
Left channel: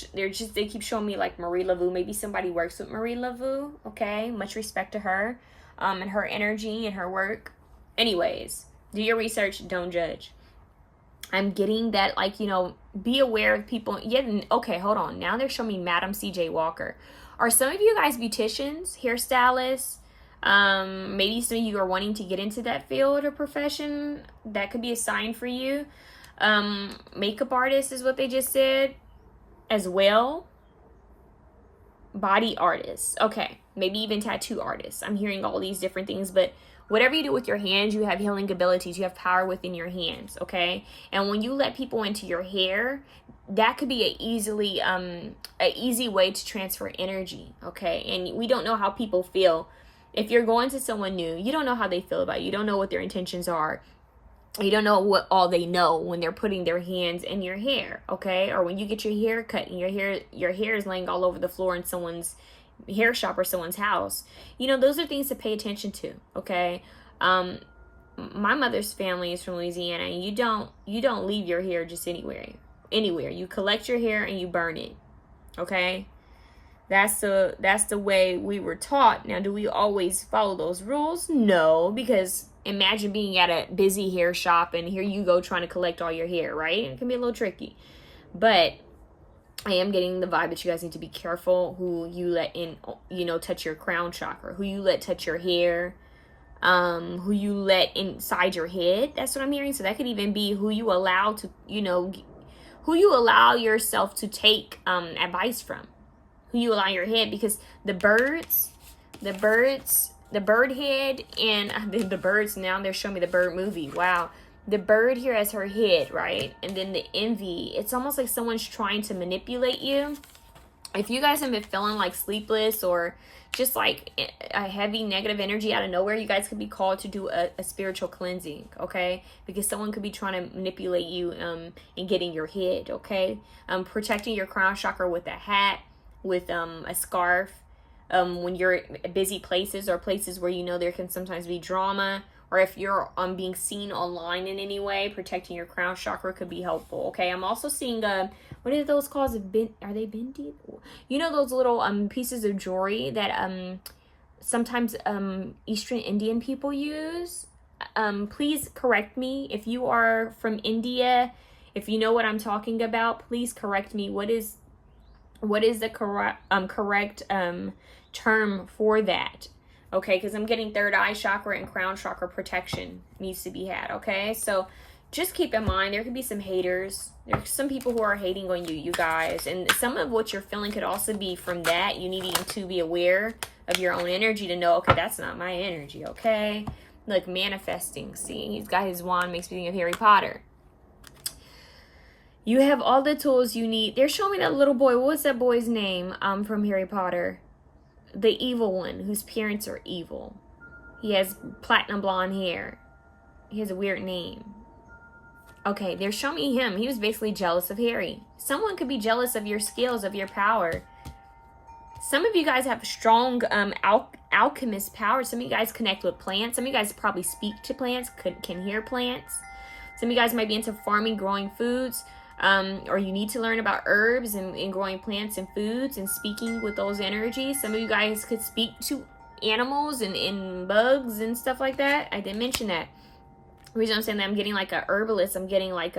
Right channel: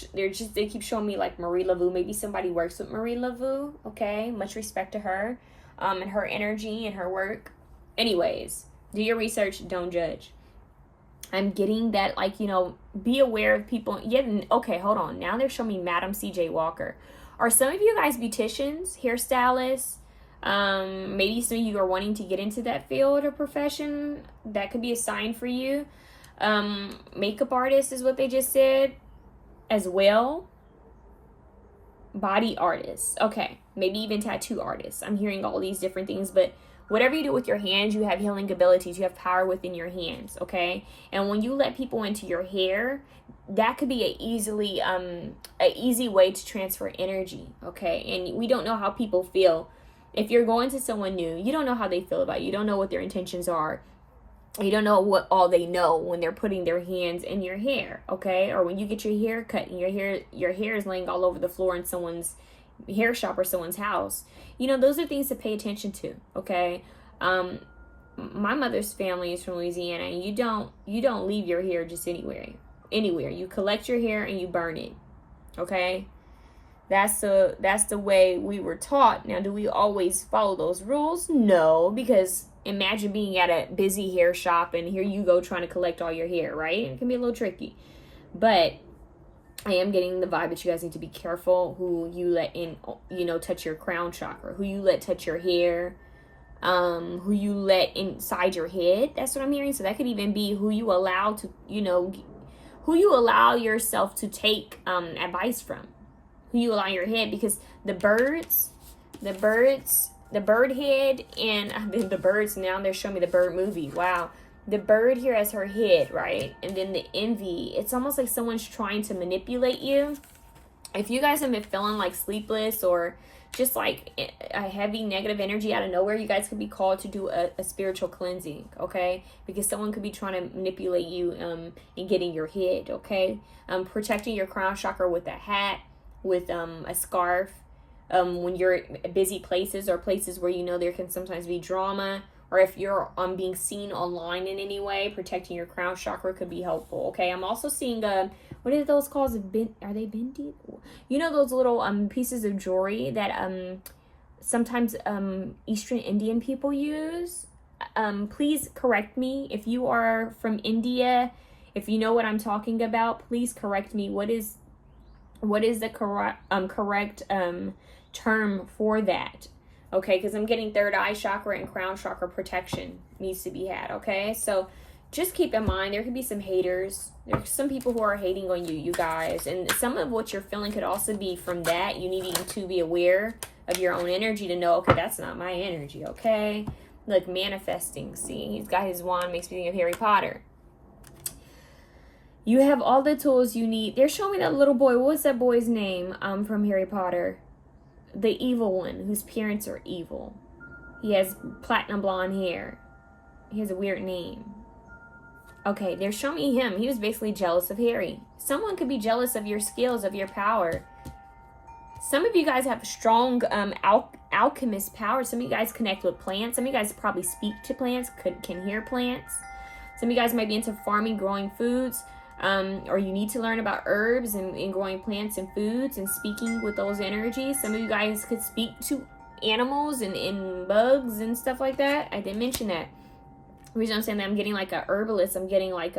keep showing me, like, Marie Laveau. Maybe somebody works with Marie Laveau, okay? Much respect to her. And her energy and her work. Anyways, do your research, don't judge. I'm getting that, like, you know, be aware of people. Yeah, okay, hold on. Now they're showing me Madam C.J. Walker. Are some of you guys beauticians, hairstylists? Maybe some of you are wanting to get into that field or profession. That could be a sign for you. Makeup artist is what they just said as well. Body artists, okay, maybe even tattoo artists. I'm hearing all these different things, but whatever you do with your hands, you have healing abilities. You have power within your hands, okay? And when you let people into your hair, that could be an easy way to transfer energy, okay? And we don't know how people feel. If you're going to someone new, you don't know how they feel about you. You don't know what their intentions are. You don't know what all they know when they're putting their hands in your hair, okay? Or when you get your hair cut and your hair is laying all over the floor in someone's hair shop or someone's house. You know, those are things to pay attention to, okay? My mother's family is from Louisiana, and you don't leave your hair just anywhere. You collect your hair and you burn it, okay? That's the way we were taught. Now, do we always follow those rules? No, because imagine being at a busy hair shop and here you go trying to collect all your hair, right? It can be a little tricky. But I am getting the vibe that you guys need to be careful who you let in, you know, touch your crown chakra, who you let touch your hair, who you let inside your head. That's what I'm hearing. So that could even be who you allow to, you know, who you allow yourself to take advice from, who you allow your head, because the bird head, and the birds, now they're showing me the bird movie. Wow. The bird here as her head, right? And then the envy. It's almost like someone's trying to manipulate you. If you guys have been feeling like sleepless or just like a heavy negative energy out of nowhere, you guys could be called to do a spiritual cleansing, okay? Because someone could be trying to manipulate you and get in your head, okay? Protecting your crown chakra with a hat, with a scarf. When you're at busy places or places where you know there can sometimes be drama, or if you're being seen online in any way, protecting your crown chakra could be helpful, okay? I'm also seeing, what are those called? Are they bindi? You know those little pieces of jewelry that sometimes Eastern Indian people use? Please correct me. If you are from India, if you know what I'm talking about, please correct me. What is the correct term for that. Okay, because I'm getting third eye chakra and crown chakra protection needs to be had. Okay, so just keep in mind, there could be some haters. There's some people who are hating on you, you guys. And some of what you're feeling could also be from that. You needing to be aware of your own energy to know, okay, that's not my energy, okay? Look, manifesting. See, he's got his wand, makes me think of Harry Potter. You have all the tools you need. They're showing me that little boy. What's that boy's name from Harry Potter? The evil one, whose parents are evil. He has platinum blonde hair. He has a weird name. Okay, they're showing me him. He was basically jealous of Harry. Someone could be jealous of your skills, of your power. Some of you guys have strong alchemist power. Some of you guys connect with plants. Some of you guys probably speak to plants, can hear plants. Some of you guys might be into farming, growing foods. Or you need to learn about herbs and growing plants and foods and speaking with those energies. Some of you guys could speak to animals and bugs and stuff like that. I didn't mention that. The reason I'm saying that, I'm getting like a herbalist. I'm getting like,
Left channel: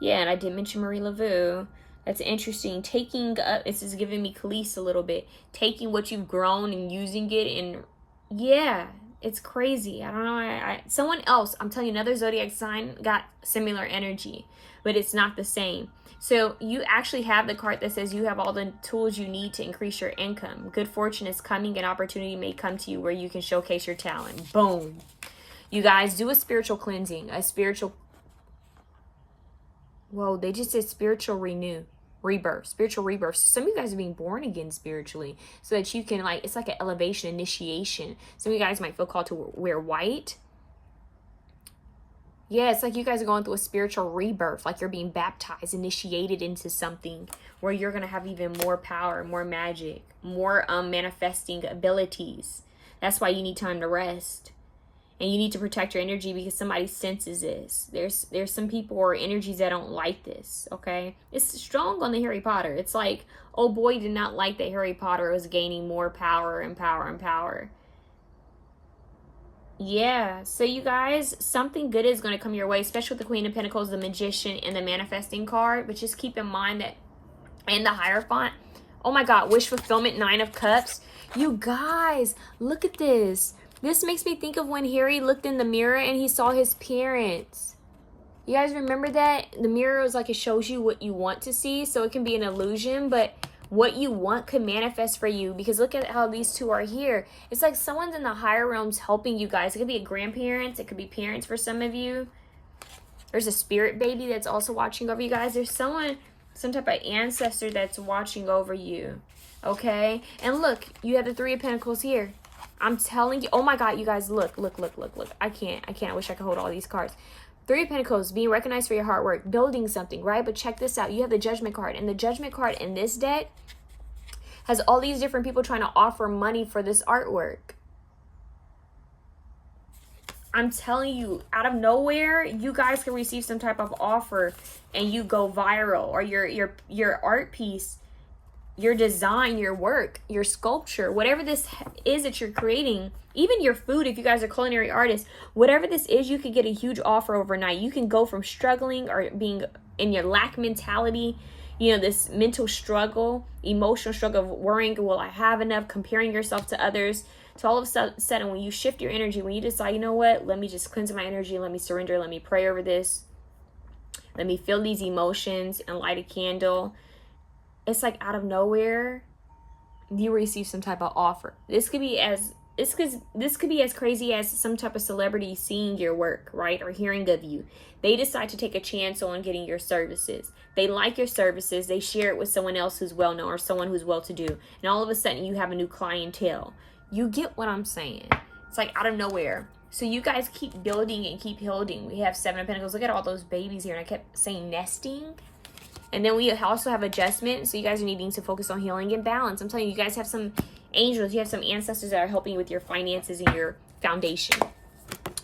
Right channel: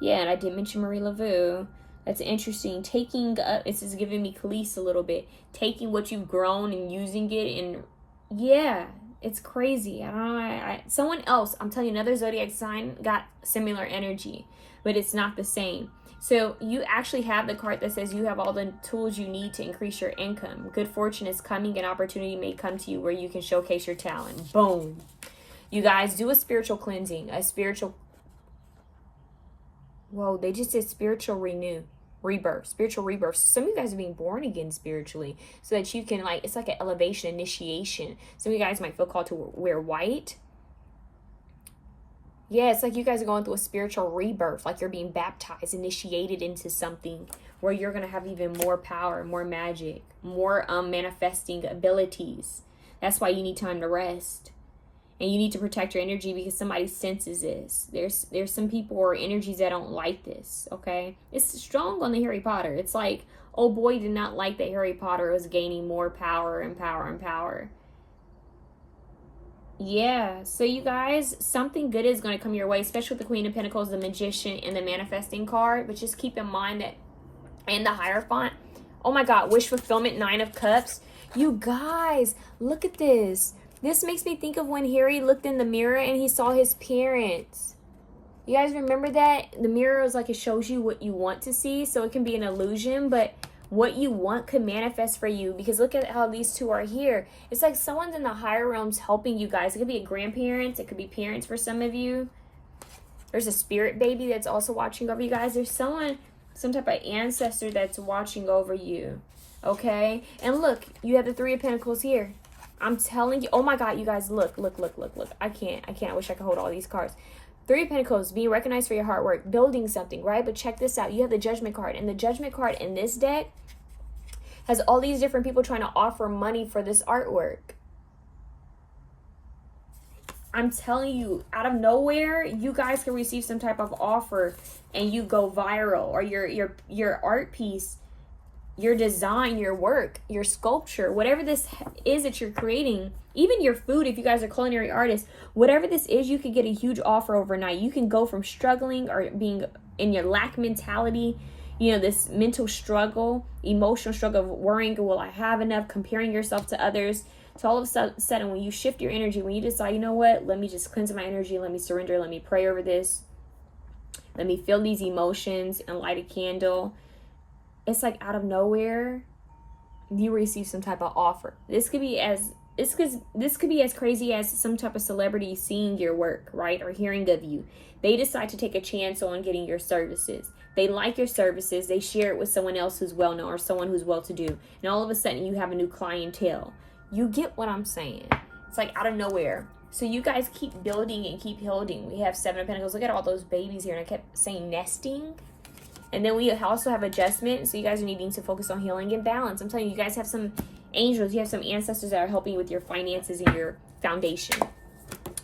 yeah, and I did mention Marie Laveau. That's interesting. Taking, this is giving me Khalees a little bit. Taking what you've grown and using it, and yeah, it's crazy. I don't know. Someone else, I'm telling you, another zodiac sign got similar energy, but it's not the same. So you actually have the card that says you have all the tools you need to increase your income. Good fortune is coming, and opportunity may come to you where you can showcase your talent. Boom. You guys do a spiritual cleansing, whoa, they just said spiritual rebirth. Some of you guys are being born again spiritually so that you can, like, it's like an elevation, initiation. Some of you guys might feel called to wear white. Yeah, it's like you guys are going through a spiritual rebirth, like you're being baptized, initiated into something where you're going to have even more power, more magic, more manifesting abilities. That's why you need time to rest. And you need to protect your energy because somebody senses this. There's some people or energies that don't like this, okay? It's strong on the Harry Potter. It's like, oh boy, did not like that Harry Potter was gaining more power and power and power. Yeah, so you guys, something good is going to come your way, especially with the Queen of Pentacles, the Magician, and the Manifesting card. But just keep in mind that, and the Hierophant. Oh my God, wish fulfillment, 9 of Cups. You guys, look at this. This makes me think of when Harry looked in the mirror and he saw his parents. You guys remember that? The mirror is like, it shows you what you want to see, so it can be an illusion, but what you want could manifest for you, because look at how these two are here. It's like someone's in the higher realms helping you guys. It could be a grandparents. It could be parents for some of you. There's a spirit baby that's also watching over you guys. There's someone, some type of ancestor that's watching over you, okay? And look, you have the 3 of Pentacles here. I'm telling you, oh my God, you guys, look. I can't. I wish I could hold all these cards. 3 of Pentacles, being recognized for your hard work, building something, right? But check this out. You have the Judgment card, and the Judgment card in this deck has all these different people trying to offer money for this artwork. I'm telling you, out of nowhere, you guys can receive some type of offer and you go viral, or your art piece, your design, your work, your sculpture, whatever this is that you're creating, even your food, if you guys are culinary artists, whatever this is, you could get a huge offer overnight. You can go from struggling or being in your lack mentality, you know, this mental struggle, emotional struggle of worrying, will I have enough, comparing yourself to others, to all of a sudden when you shift your energy, when you decide, you know what, let me just cleanse my energy, let me surrender, let me pray over this, let me feel these emotions and light a candle. It's like out of nowhere, you receive some type of offer. This could be as crazy as some type of celebrity seeing your work, right? Or hearing of you. They decide to take a chance on getting your services. They like your services. They share it with someone else who's well-known or someone who's well-to-do. And all of a sudden, you have a new clientele. You get what I'm saying? It's like out of nowhere. So you guys keep building and keep building. We have 7 of Pentacles. Look at all those babies here. And I kept saying nesting. And then we also have adjustment. So you guys are needing to focus on healing and balance. I'm telling you, you guys have some angels. You have some ancestors that are helping you with your finances and your foundation.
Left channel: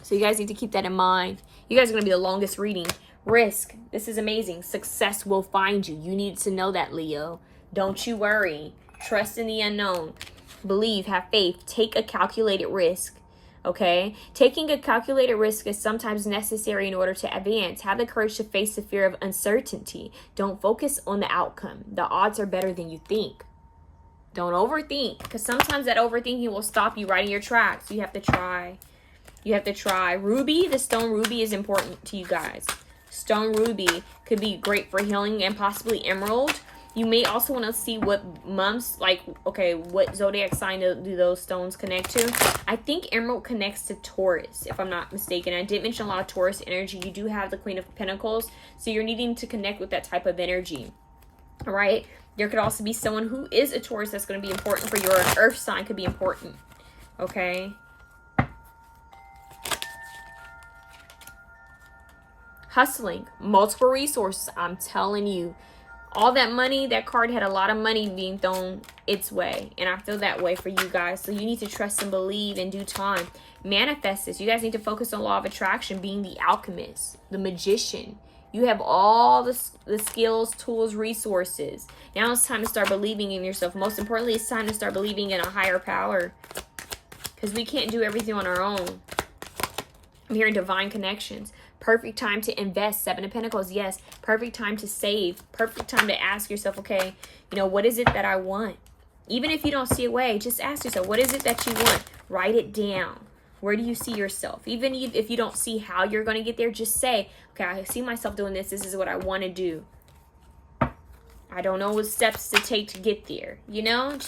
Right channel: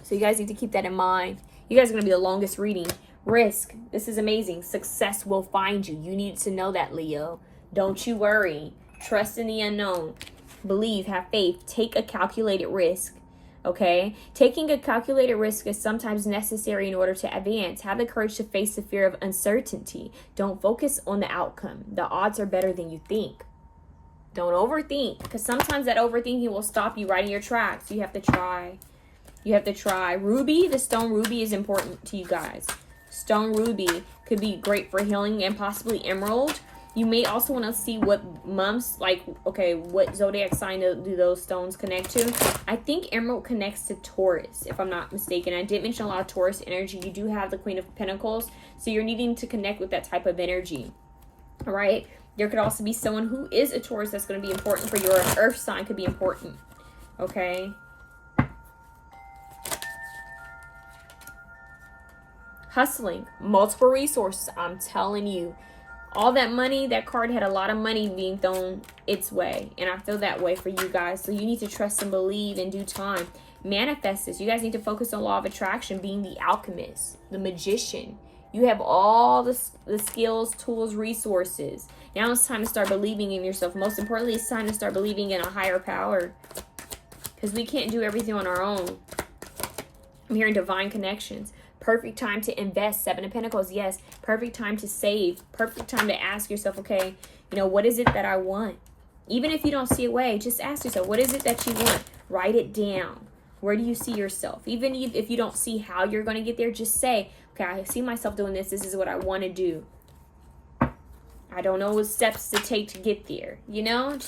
So you guys need to keep that in mind. You guys are going to be the longest reading. Risk. This is amazing. Success will find you. You need to know that, Leo. Don't you worry. Trust in the unknown. Believe. Have faith. Take a calculated risk. Okay? Taking a calculated risk is sometimes necessary in order to advance. Have the courage to face the fear of uncertainty. Don't focus on the outcome. The odds are better than you think. Don't overthink, because sometimes that overthinking will stop you right in your tracks. You have to try. You have to try. Ruby, the stone ruby is important to you guys. Stone ruby could be great for healing, and possibly emerald. You may also want to see what months, like, okay, what zodiac sign do those stones connect to? I think emerald connects to Taurus, if I'm not mistaken. I did mention a lot of Taurus energy. You do have the Queen of Pentacles, so you're needing to connect with that type of energy. All right? There could also be someone who is a Taurus that's going to be important for your earth sign, could be important. Okay? Hustling, multiple resources. I'm telling you, all that money, that card had a lot of money being thrown its way, and I feel that way for you guys. So you need to trust and believe in due time. Manifest this. You guys need to focus on law of attraction, being the alchemist, the magician. You have all the skills, tools, resources. Now it's time to start believing in yourself. Most importantly, it's time to start believing in a higher power, because we can't do everything on our own. I'm hearing divine connections. Perfect time to invest. Seven of Pentacles, yes. Perfect time to save. Perfect time to ask yourself, okay, you know, what is it that I want? Even if you don't see a way, just ask yourself, what is it that you want? Write it down. Where do you see yourself? Even if you don't see how you're going to get there, just say, okay, I see myself doing this. This is what I want to do. I don't know what steps to take to get there. You know,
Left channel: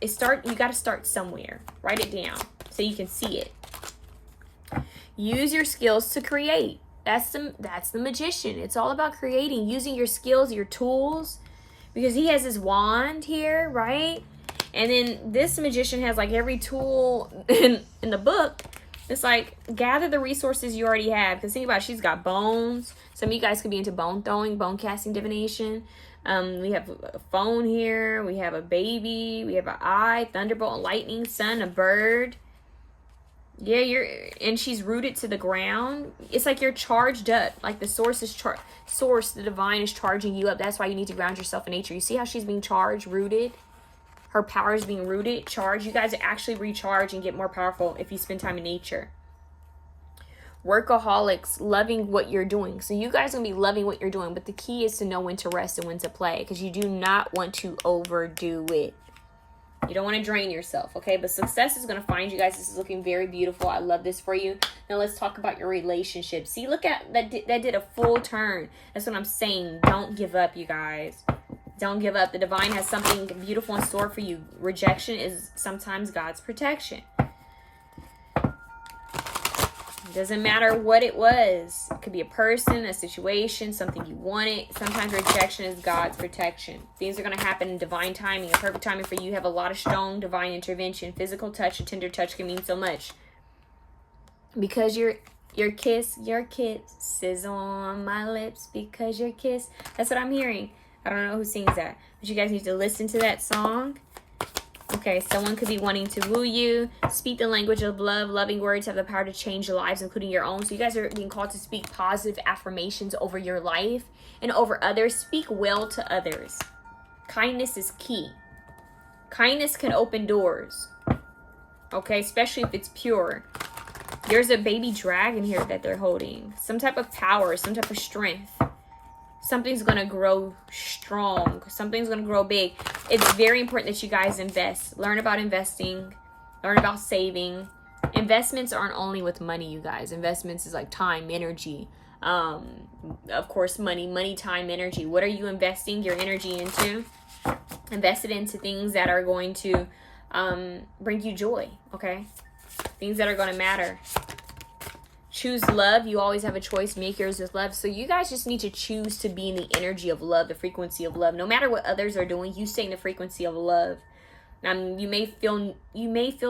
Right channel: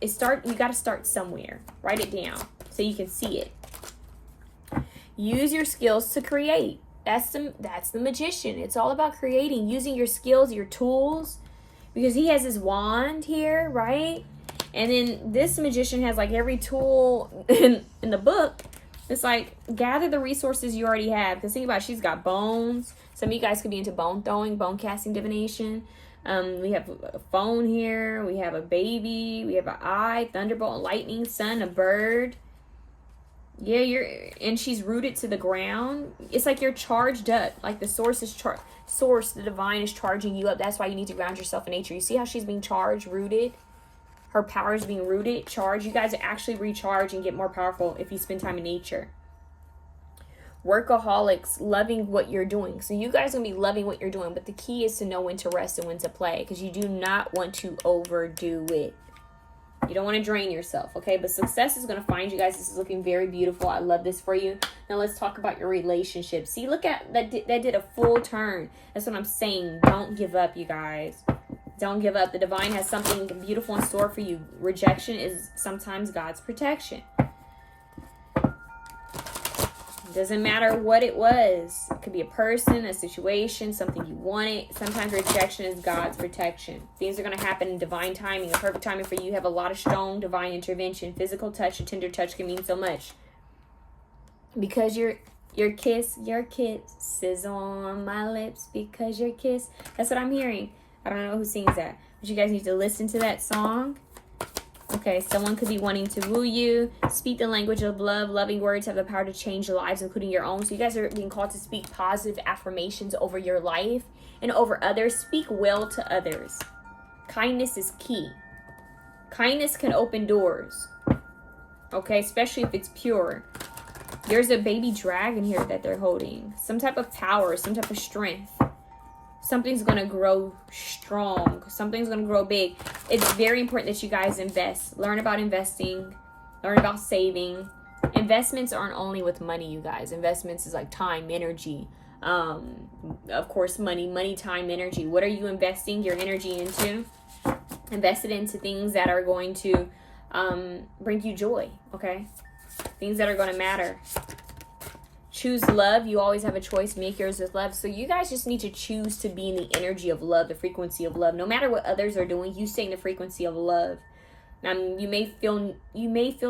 you got to start somewhere. Write it down so you can see it. Use your skills to create. That's the magician. It's all about creating, using your skills, your tools, because he has his wand here, right? And then this magician has like every tool in the book. It's like, gather the resources you already have. Because think about it, she's got bones. Some of you guys could be into bone throwing, bone casting, divination. We have a phone here. We have a baby. We have an eye, thunderbolt, lightning, sun, a bird. Yeah, and she's rooted to the ground. It's like you're charged up. Like the source, the divine is charging you up. That's why you need to ground yourself in nature. You see how she's being charged, rooted? Her power is being rooted, charged. You guys actually recharge and get more powerful if you spend time in nature. Workaholics, loving what you're doing. So you guys are going to be loving what you're doing, but the key is to know when to rest and when to play, because you do not want to overdo it. You don't want to drain yourself, okay? But success is going to find you guys. This is looking very beautiful. I love this for you. Now let's talk about your relationship. See, look at that. That did a full turn. That's what I'm saying. Don't give up, you guys. Don't give up. The divine has something beautiful in store for you. Rejection is sometimes God's protection. It doesn't matter what it was. It could be a person, a situation, something you wanted. Sometimes rejection is God's protection. Things are going to happen in divine timing. Perfect timing for you. You have a lot of strong divine intervention. Physical touch, a tender touch can mean so much. Because your kiss is on my lips. Because your kiss. That's what I'm hearing. I don't know who sings that, but you guys need to listen to that song. Okay, someone could be wanting to woo you. Speak the language of love. Loving words have the power to change lives, including your own. So you guys are being called to speak positive affirmations over your life and over others. Speak well to others. Kindness is key. Kindness can open doors. Okay, especially if it's pure. There's a baby dragon here that they're holding. Some type of power, some type of strength. Something's going to grow strong. Something's going to grow big. It's very important that you guys invest. Learn about investing. Learn about saving. Investments aren't only with money, you guys. Investments is like time, energy. Of course, money, time, energy. What are you investing your energy into? Invest it into things that are going to bring you joy, okay? Things that are going to matter. Choose love. You always have a choice. Make yours with love. So you guys just need to choose to be in the energy of love, the frequency of love. No matter what others are doing, you stay in the frequency of love. You may feel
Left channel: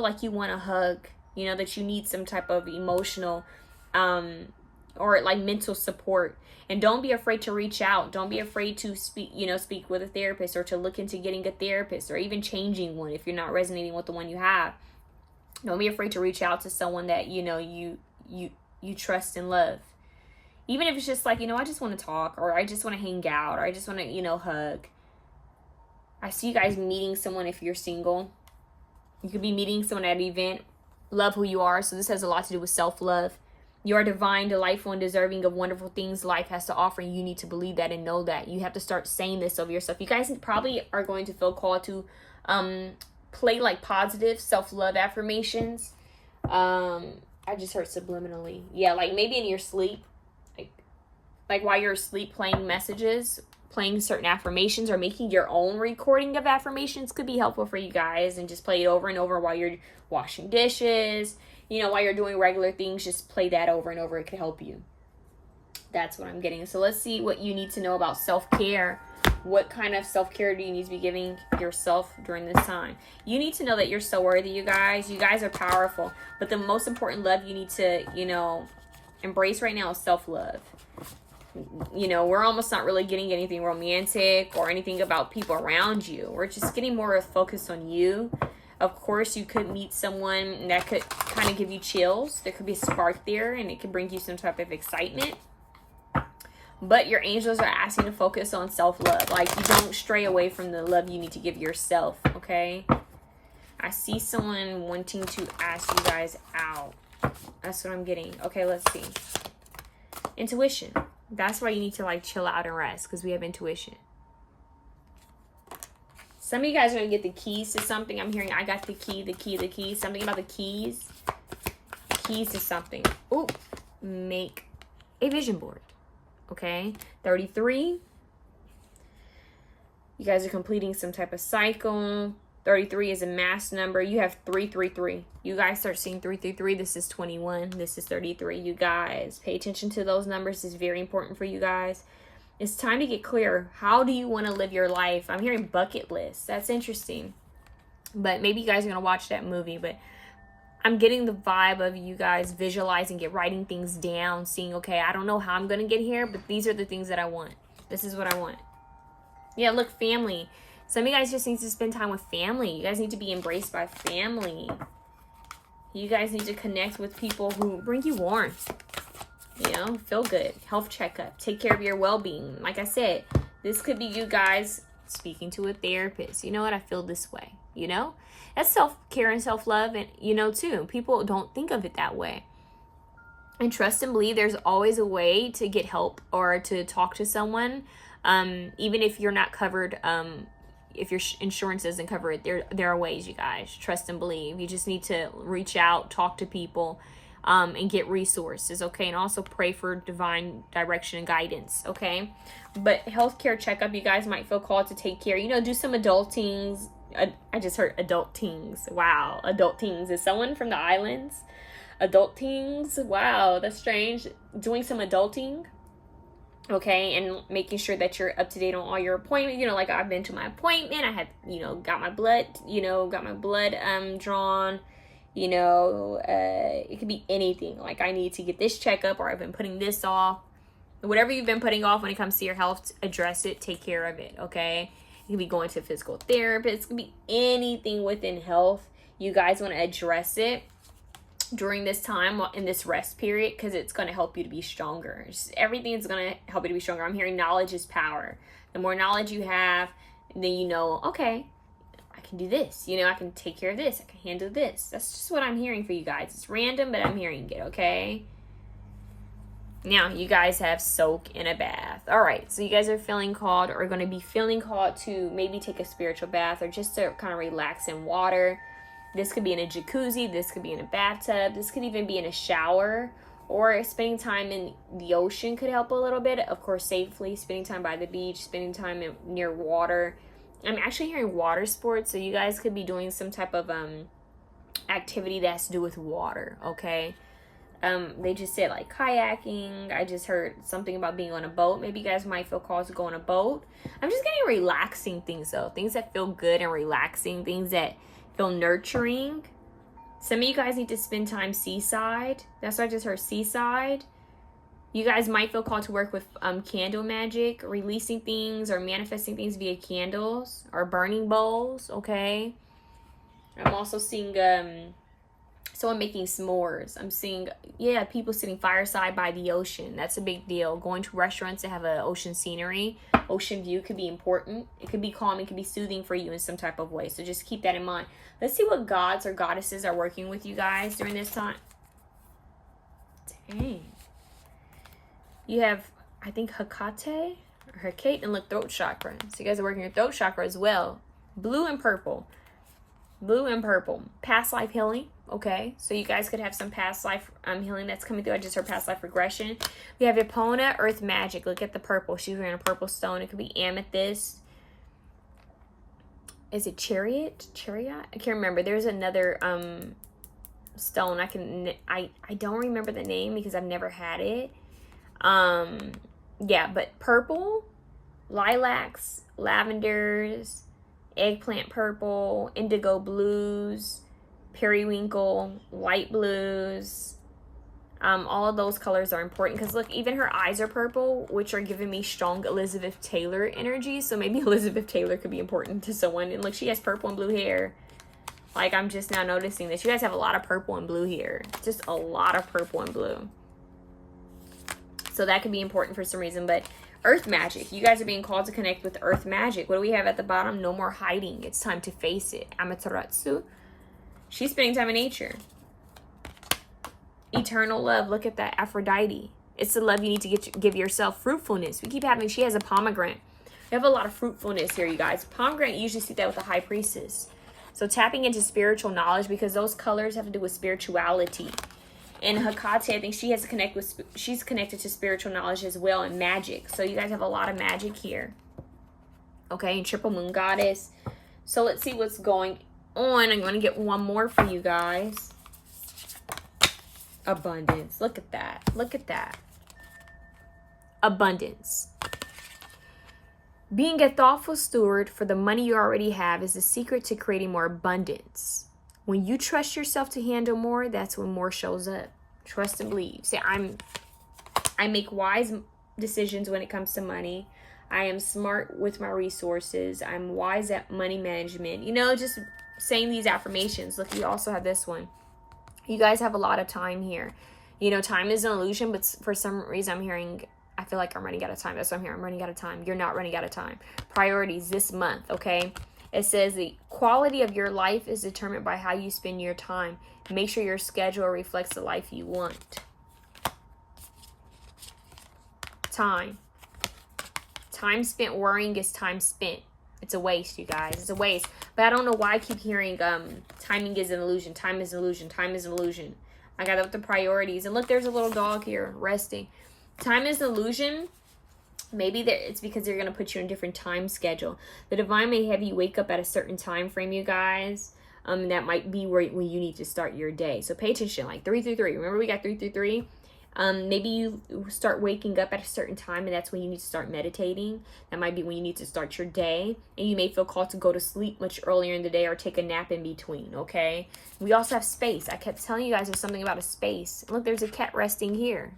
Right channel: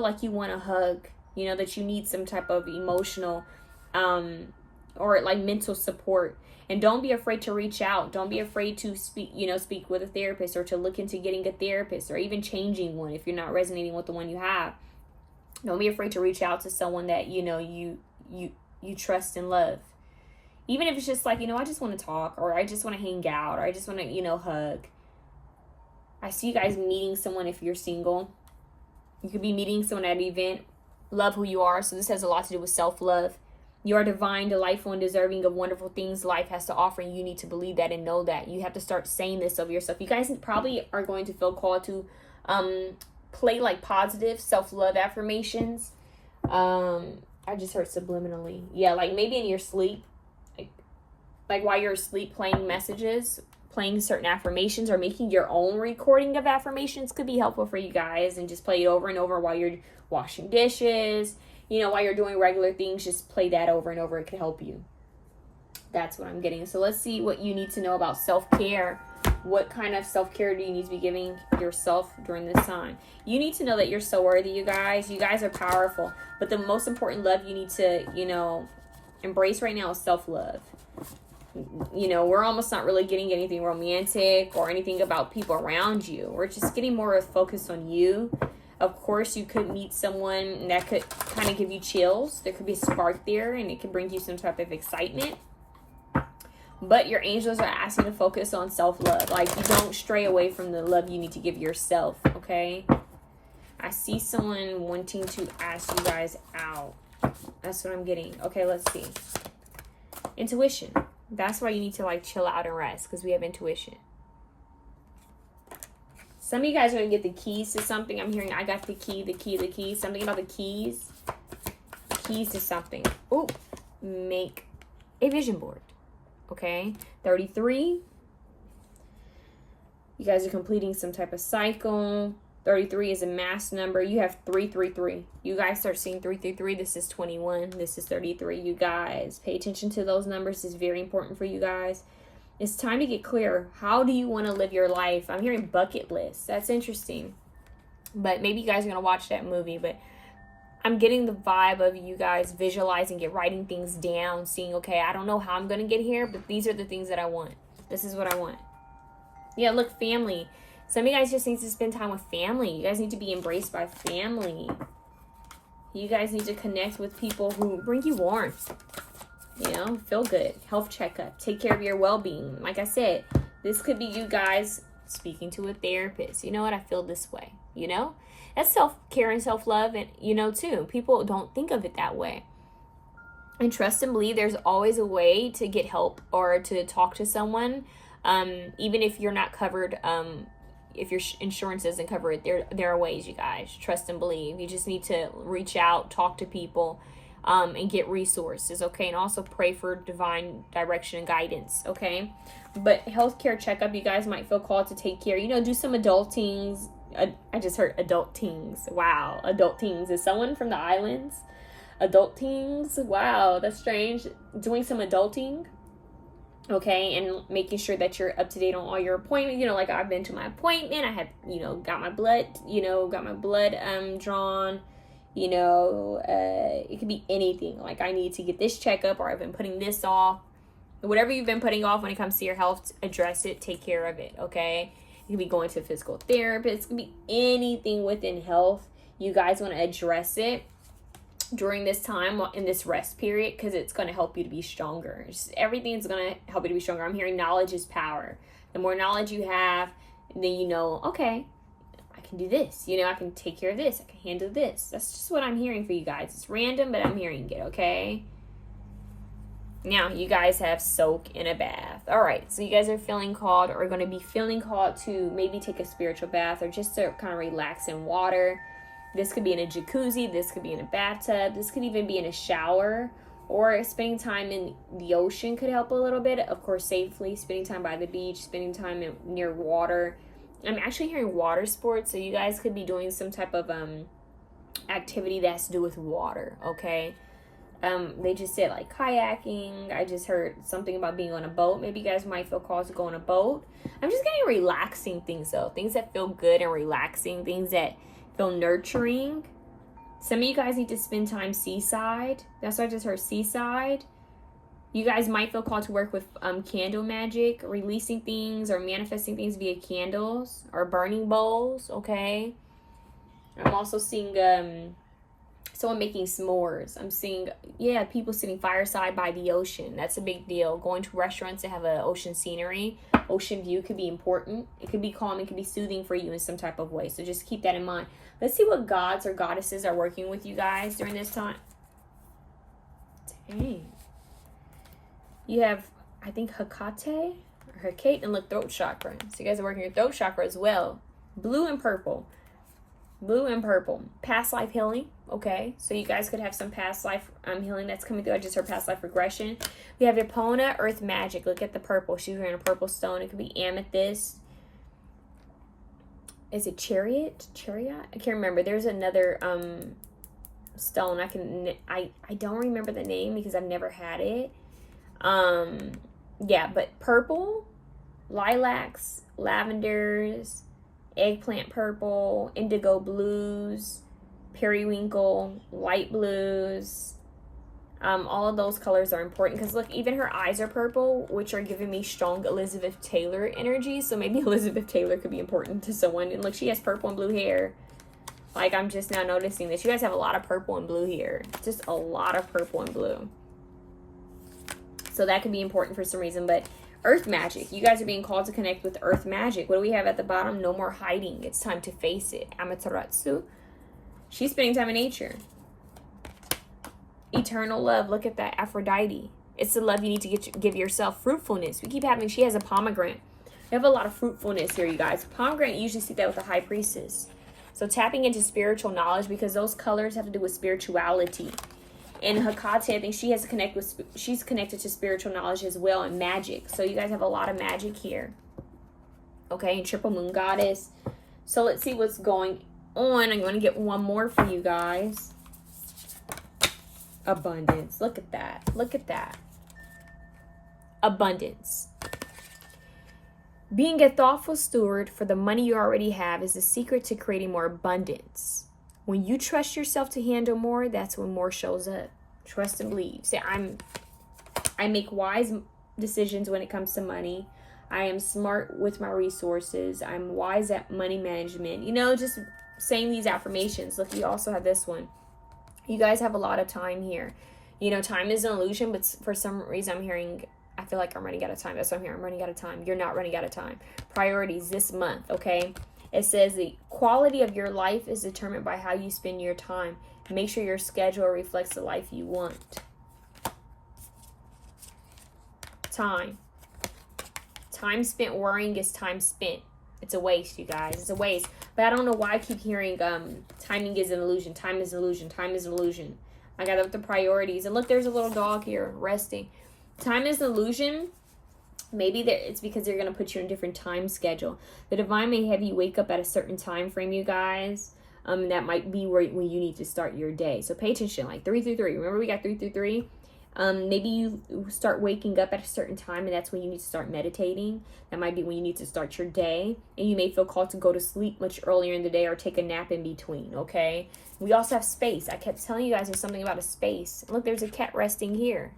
like you want a hug, you know, that you need some type of emotional or like mental support. And don't be afraid to reach out. Don't be afraid to speak with a therapist, or to look into getting a therapist, or even changing one if you're not resonating with the one you have. Don't be afraid to reach out to someone that you trust and love. Even if it's just like, I just want to talk, or I just want to hang out, or I just want to, hug. I see you guys meeting someone if you're single. You could be meeting someone at an event. Love who you are. So this has a lot to do with self-love. You are divine, delightful, and deserving of wonderful things life has to offer. And you need to believe that and know that. You have to start saying this of yourself. You guys probably are going to feel called to Play like positive self-love affirmations. I just heard subliminally. Yeah, like maybe in your sleep, like while you're asleep, playing messages, playing certain affirmations, or making your own recording of affirmations could be helpful for you guys. And just play it over and over while you're washing dishes, you know, while you're doing regular things. Just play that over and over. It could help you. That's what I'm getting. So let's see what you need to know about self-care. What kind of self-care do you need to be giving yourself during this time? You need to know that you're so worthy, you guys. You guys are powerful. But the most important love you need to, you know, embrace right now is self-love. You know, we're almost not really getting anything romantic or anything about people around you. We're just getting more focused on you. Of course, you could meet someone that could kind of give you chills. There could be a spark there, and it could bring you some type of excitement. But your angels are asking to focus on self-love. Like, you don't stray away from the love you need to give yourself, okay? I see someone wanting to ask you guys out. That's what I'm getting. Okay, let's see. Intuition. That's why you need to, like, chill out and rest, because we have intuition. Some of you guys are going to get the keys to something. I'm hearing I got the key, the key, the key. Something about the keys. Keys to something. Ooh. Make a vision board. Okay, 33. You guys are completing some type of cycle. 33 is a mass number. You have 333. You guys start seeing 333. This is 21. This is 33. You guys, pay attention to those numbers. It's very important for you guys. It's time to get clear. How do you want to live your life? I'm hearing bucket list. That's interesting. But maybe you guys are going to watch that movie. But I'm getting the vibe of you guys visualizing it, writing things down, seeing, okay, I don't know how I'm going to get here, but these are the things that I want. This is what I want. Yeah, look, family. Some of you guys just need to spend time with family. You guys need to be embraced by family. You guys need to connect with people who bring you warmth. You know, feel good. Health checkup. Take care of your well-being. Like I said, this could be you guys speaking to a therapist. You know what? I feel this way. You know? That's self-care and self-love, and you know, too. People don't think of it that way. And trust and believe there's always a way to get help or to talk to someone, even if you're not covered, if your insurance doesn't cover it. There are ways, you guys. Trust and believe. You just need to reach out, talk to people, and get resources, okay? And also pray for divine direction and guidance, okay? But healthcare checkup, you guys might feel called to take care. You know, do some adultings. I just heard adultings. Wow, adultings. Is someone from the islands? Adultings. Wow, that's strange. Doing some adulting, okay, and making sure that you're up to date on all your appointments. You know, like I've been to my appointment. I had, you know, got my blood drawn. You know, it could be anything. Like I need to get this checkup, or I've been putting this off. Whatever you've been putting off when it comes to your health, address it. Take care of it, okay? You could be going to a physical therapist. It could be anything within health. You guys want to address it during this time, in this rest period, because it's going to help you to be stronger. Everything is going to help you to be stronger. I'm hearing knowledge is power. The more knowledge you have, then you know, okay, I can do this. You know, I can take care of this. I can handle this. That's just what I'm hearing for you guys. It's random, but I'm hearing it, okay? Now, you guys have soak in a bath. All right, so you guys are feeling called, or going to be feeling called to maybe take a spiritual bath, or just to kind of relax in water. This could be in a jacuzzi. This could be in a bathtub. This could even be in a shower, or spending time in the ocean could help a little bit. Of course, safely. Spending time by the beach, spending time near water. I'm actually hearing water sports, so you guys could be doing some type of activity that has to do with water, okay? They just said like kayaking. I just heard something about being on a boat. Maybe you guys might feel called to go on a boat. I'm just getting relaxing things though. Things that feel good and relaxing. Things that feel nurturing. Some of you guys need to spend time seaside. That's what I just heard, seaside. You guys might feel called to work with candle magic, releasing things or manifesting things via candles or burning bowls, okay? I'm also seeing someone making s'mores. I'm seeing, yeah, people sitting fireside by the ocean. That's a big deal. Going to restaurants that have an ocean scenery, ocean view could be important. It could be calm. It could be soothing for you in some type of way. So just keep that in mind. Let's see what gods or goddesses are working with you guys during this time. Dang. You have, I think, Hecate, and the throat chakra. So you guys are working your throat chakra as well. Blue and purple. Blue and purple. Past life healing. Okay, so you guys could have some past life healing that's coming through. I just heard past life regression. We have Epona, Earth Magic. Look at the purple. She's wearing a purple stone. It could be amethyst. Is it chariot? Chariot? I can't remember. There's another stone. I don't remember the name because I've never had it. Yeah, but purple, lilacs, lavenders, eggplant purple, indigo blues, periwinkle, light blues. All of those colors are important because look, even her eyes are purple, which are giving me strong Elizabeth Taylor energy. So maybe Elizabeth Taylor could be important to someone. And look, she has purple and blue hair. Like, I'm just now noticing this. You guys have a lot of purple and blue here. Just a lot of purple and blue. So that could be important for some reason. But Earth Magic. You guys are being called to connect with Earth Magic. What do we have at the bottom? No more hiding. It's time to face it. Amaterasu. She's spending time in nature. Eternal love. Look at that. Aphrodite. It's the love you need to give yourself. Fruitfulness. We keep having, she has a pomegranate. We have a lot of fruitfulness here, you guys. Pomegranate, you usually see that with the High Priestess. So tapping into spiritual knowledge because those colors have to do with spirituality. And Hecate, I think she has to connect with, she's connected to spiritual knowledge as well and magic. So you guys have a lot of magic here. Okay, and Triple Moon Goddess. So let's see what's going on. I'm going to get one more for you guys. Abundance. Look at that. Look at that. Abundance. Being a thoughtful steward for the money you already have is the secret to creating more abundance. When you trust yourself to handle more, that's when more shows up. Trust and believe. Say, I make wise decisions when it comes to money. I am smart with my resources. I'm wise at money management. You know, just saying these affirmations. Look, you also have this one. You guys have a lot of time here. You know, time is an illusion, but for some reason I'm hearing, I feel like I'm running out of time. That's what I'm hearing. I'm running out of time. You're not running out of time. Priorities this month, okay? It says the quality of your life is determined by how you spend your time. Make sure your schedule reflects the life you want. Time. Time spent worrying is time spent. It's a waste, you guys. It's a waste. But I don't know why I keep hearing timing is an illusion. Time is an illusion. Time is an illusion. I got up the priorities. And look, there's a little dog here resting. Time is an illusion. Maybe it's because they're going to put you in a different time schedule. The divine may have you wake up at a certain time frame, you guys. That might be when you need to start your day. So pay attention, like 3 through 3. Remember we got 3 through 3? Maybe you start waking up at a certain time and that's when you need to start meditating. That might be when you need to start your day. And you may feel called to go to sleep much earlier in the day or take a nap in between, okay? We also have space. I kept telling you guys there's something about a space. Look, there's a cat resting here.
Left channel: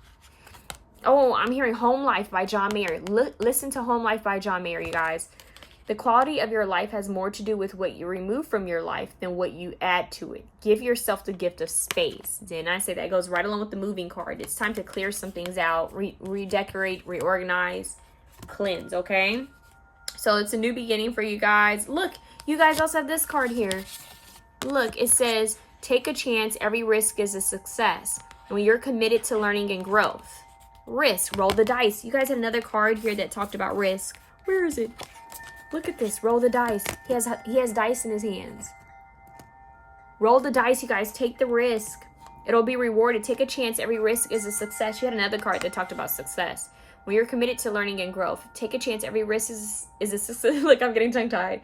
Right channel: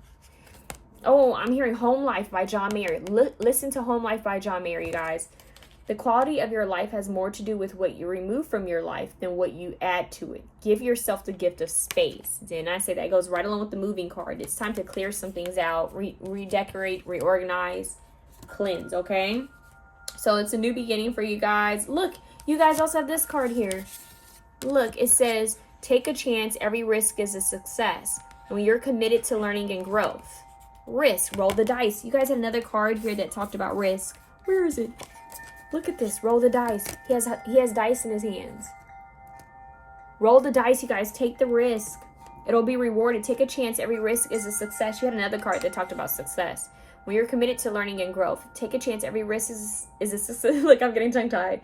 Oh, I'm hearing Home Life by John Mayer. Listen to Home Life by John Mayer, you guys. The quality of your life has more to do with what you remove from your life than what you add to it. Give yourself the gift of space. And I say that goes right along with the moving card. It's time to clear some things out, redecorate, reorganize, cleanse, okay? So it's a new beginning for you guys. Look, you guys also have this card here. Look, it says, take a chance. Every risk is a success. When you're committed to learning and growth. Risk, roll the dice. You guys had another card here that talked about risk. Where is it? Look at this. Roll the dice. He has dice in his hands. Roll the dice, you guys. Take the risk. It'll be rewarded. Take a chance. Every risk is a success. You had another card that talked about success. When you're committed to learning and growth, take a chance. Every risk is a success. Look, I'm getting tongue-tied.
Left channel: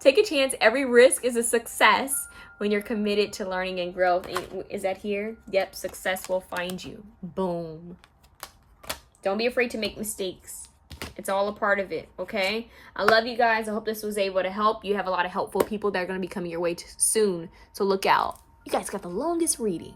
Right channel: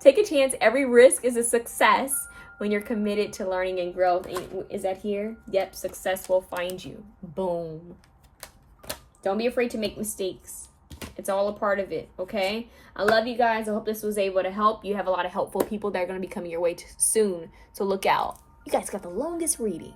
Take a chance. Every risk is a success when you're committed to learning and growth. Is that here? Yep. Success will find you. Boom. Don't be afraid to make mistakes. It's all a part of it, okay? I love you guys. I hope this was able to help. You have a lot of helpful people that are going to be coming your way soon. So look out. You guys got the longest reading.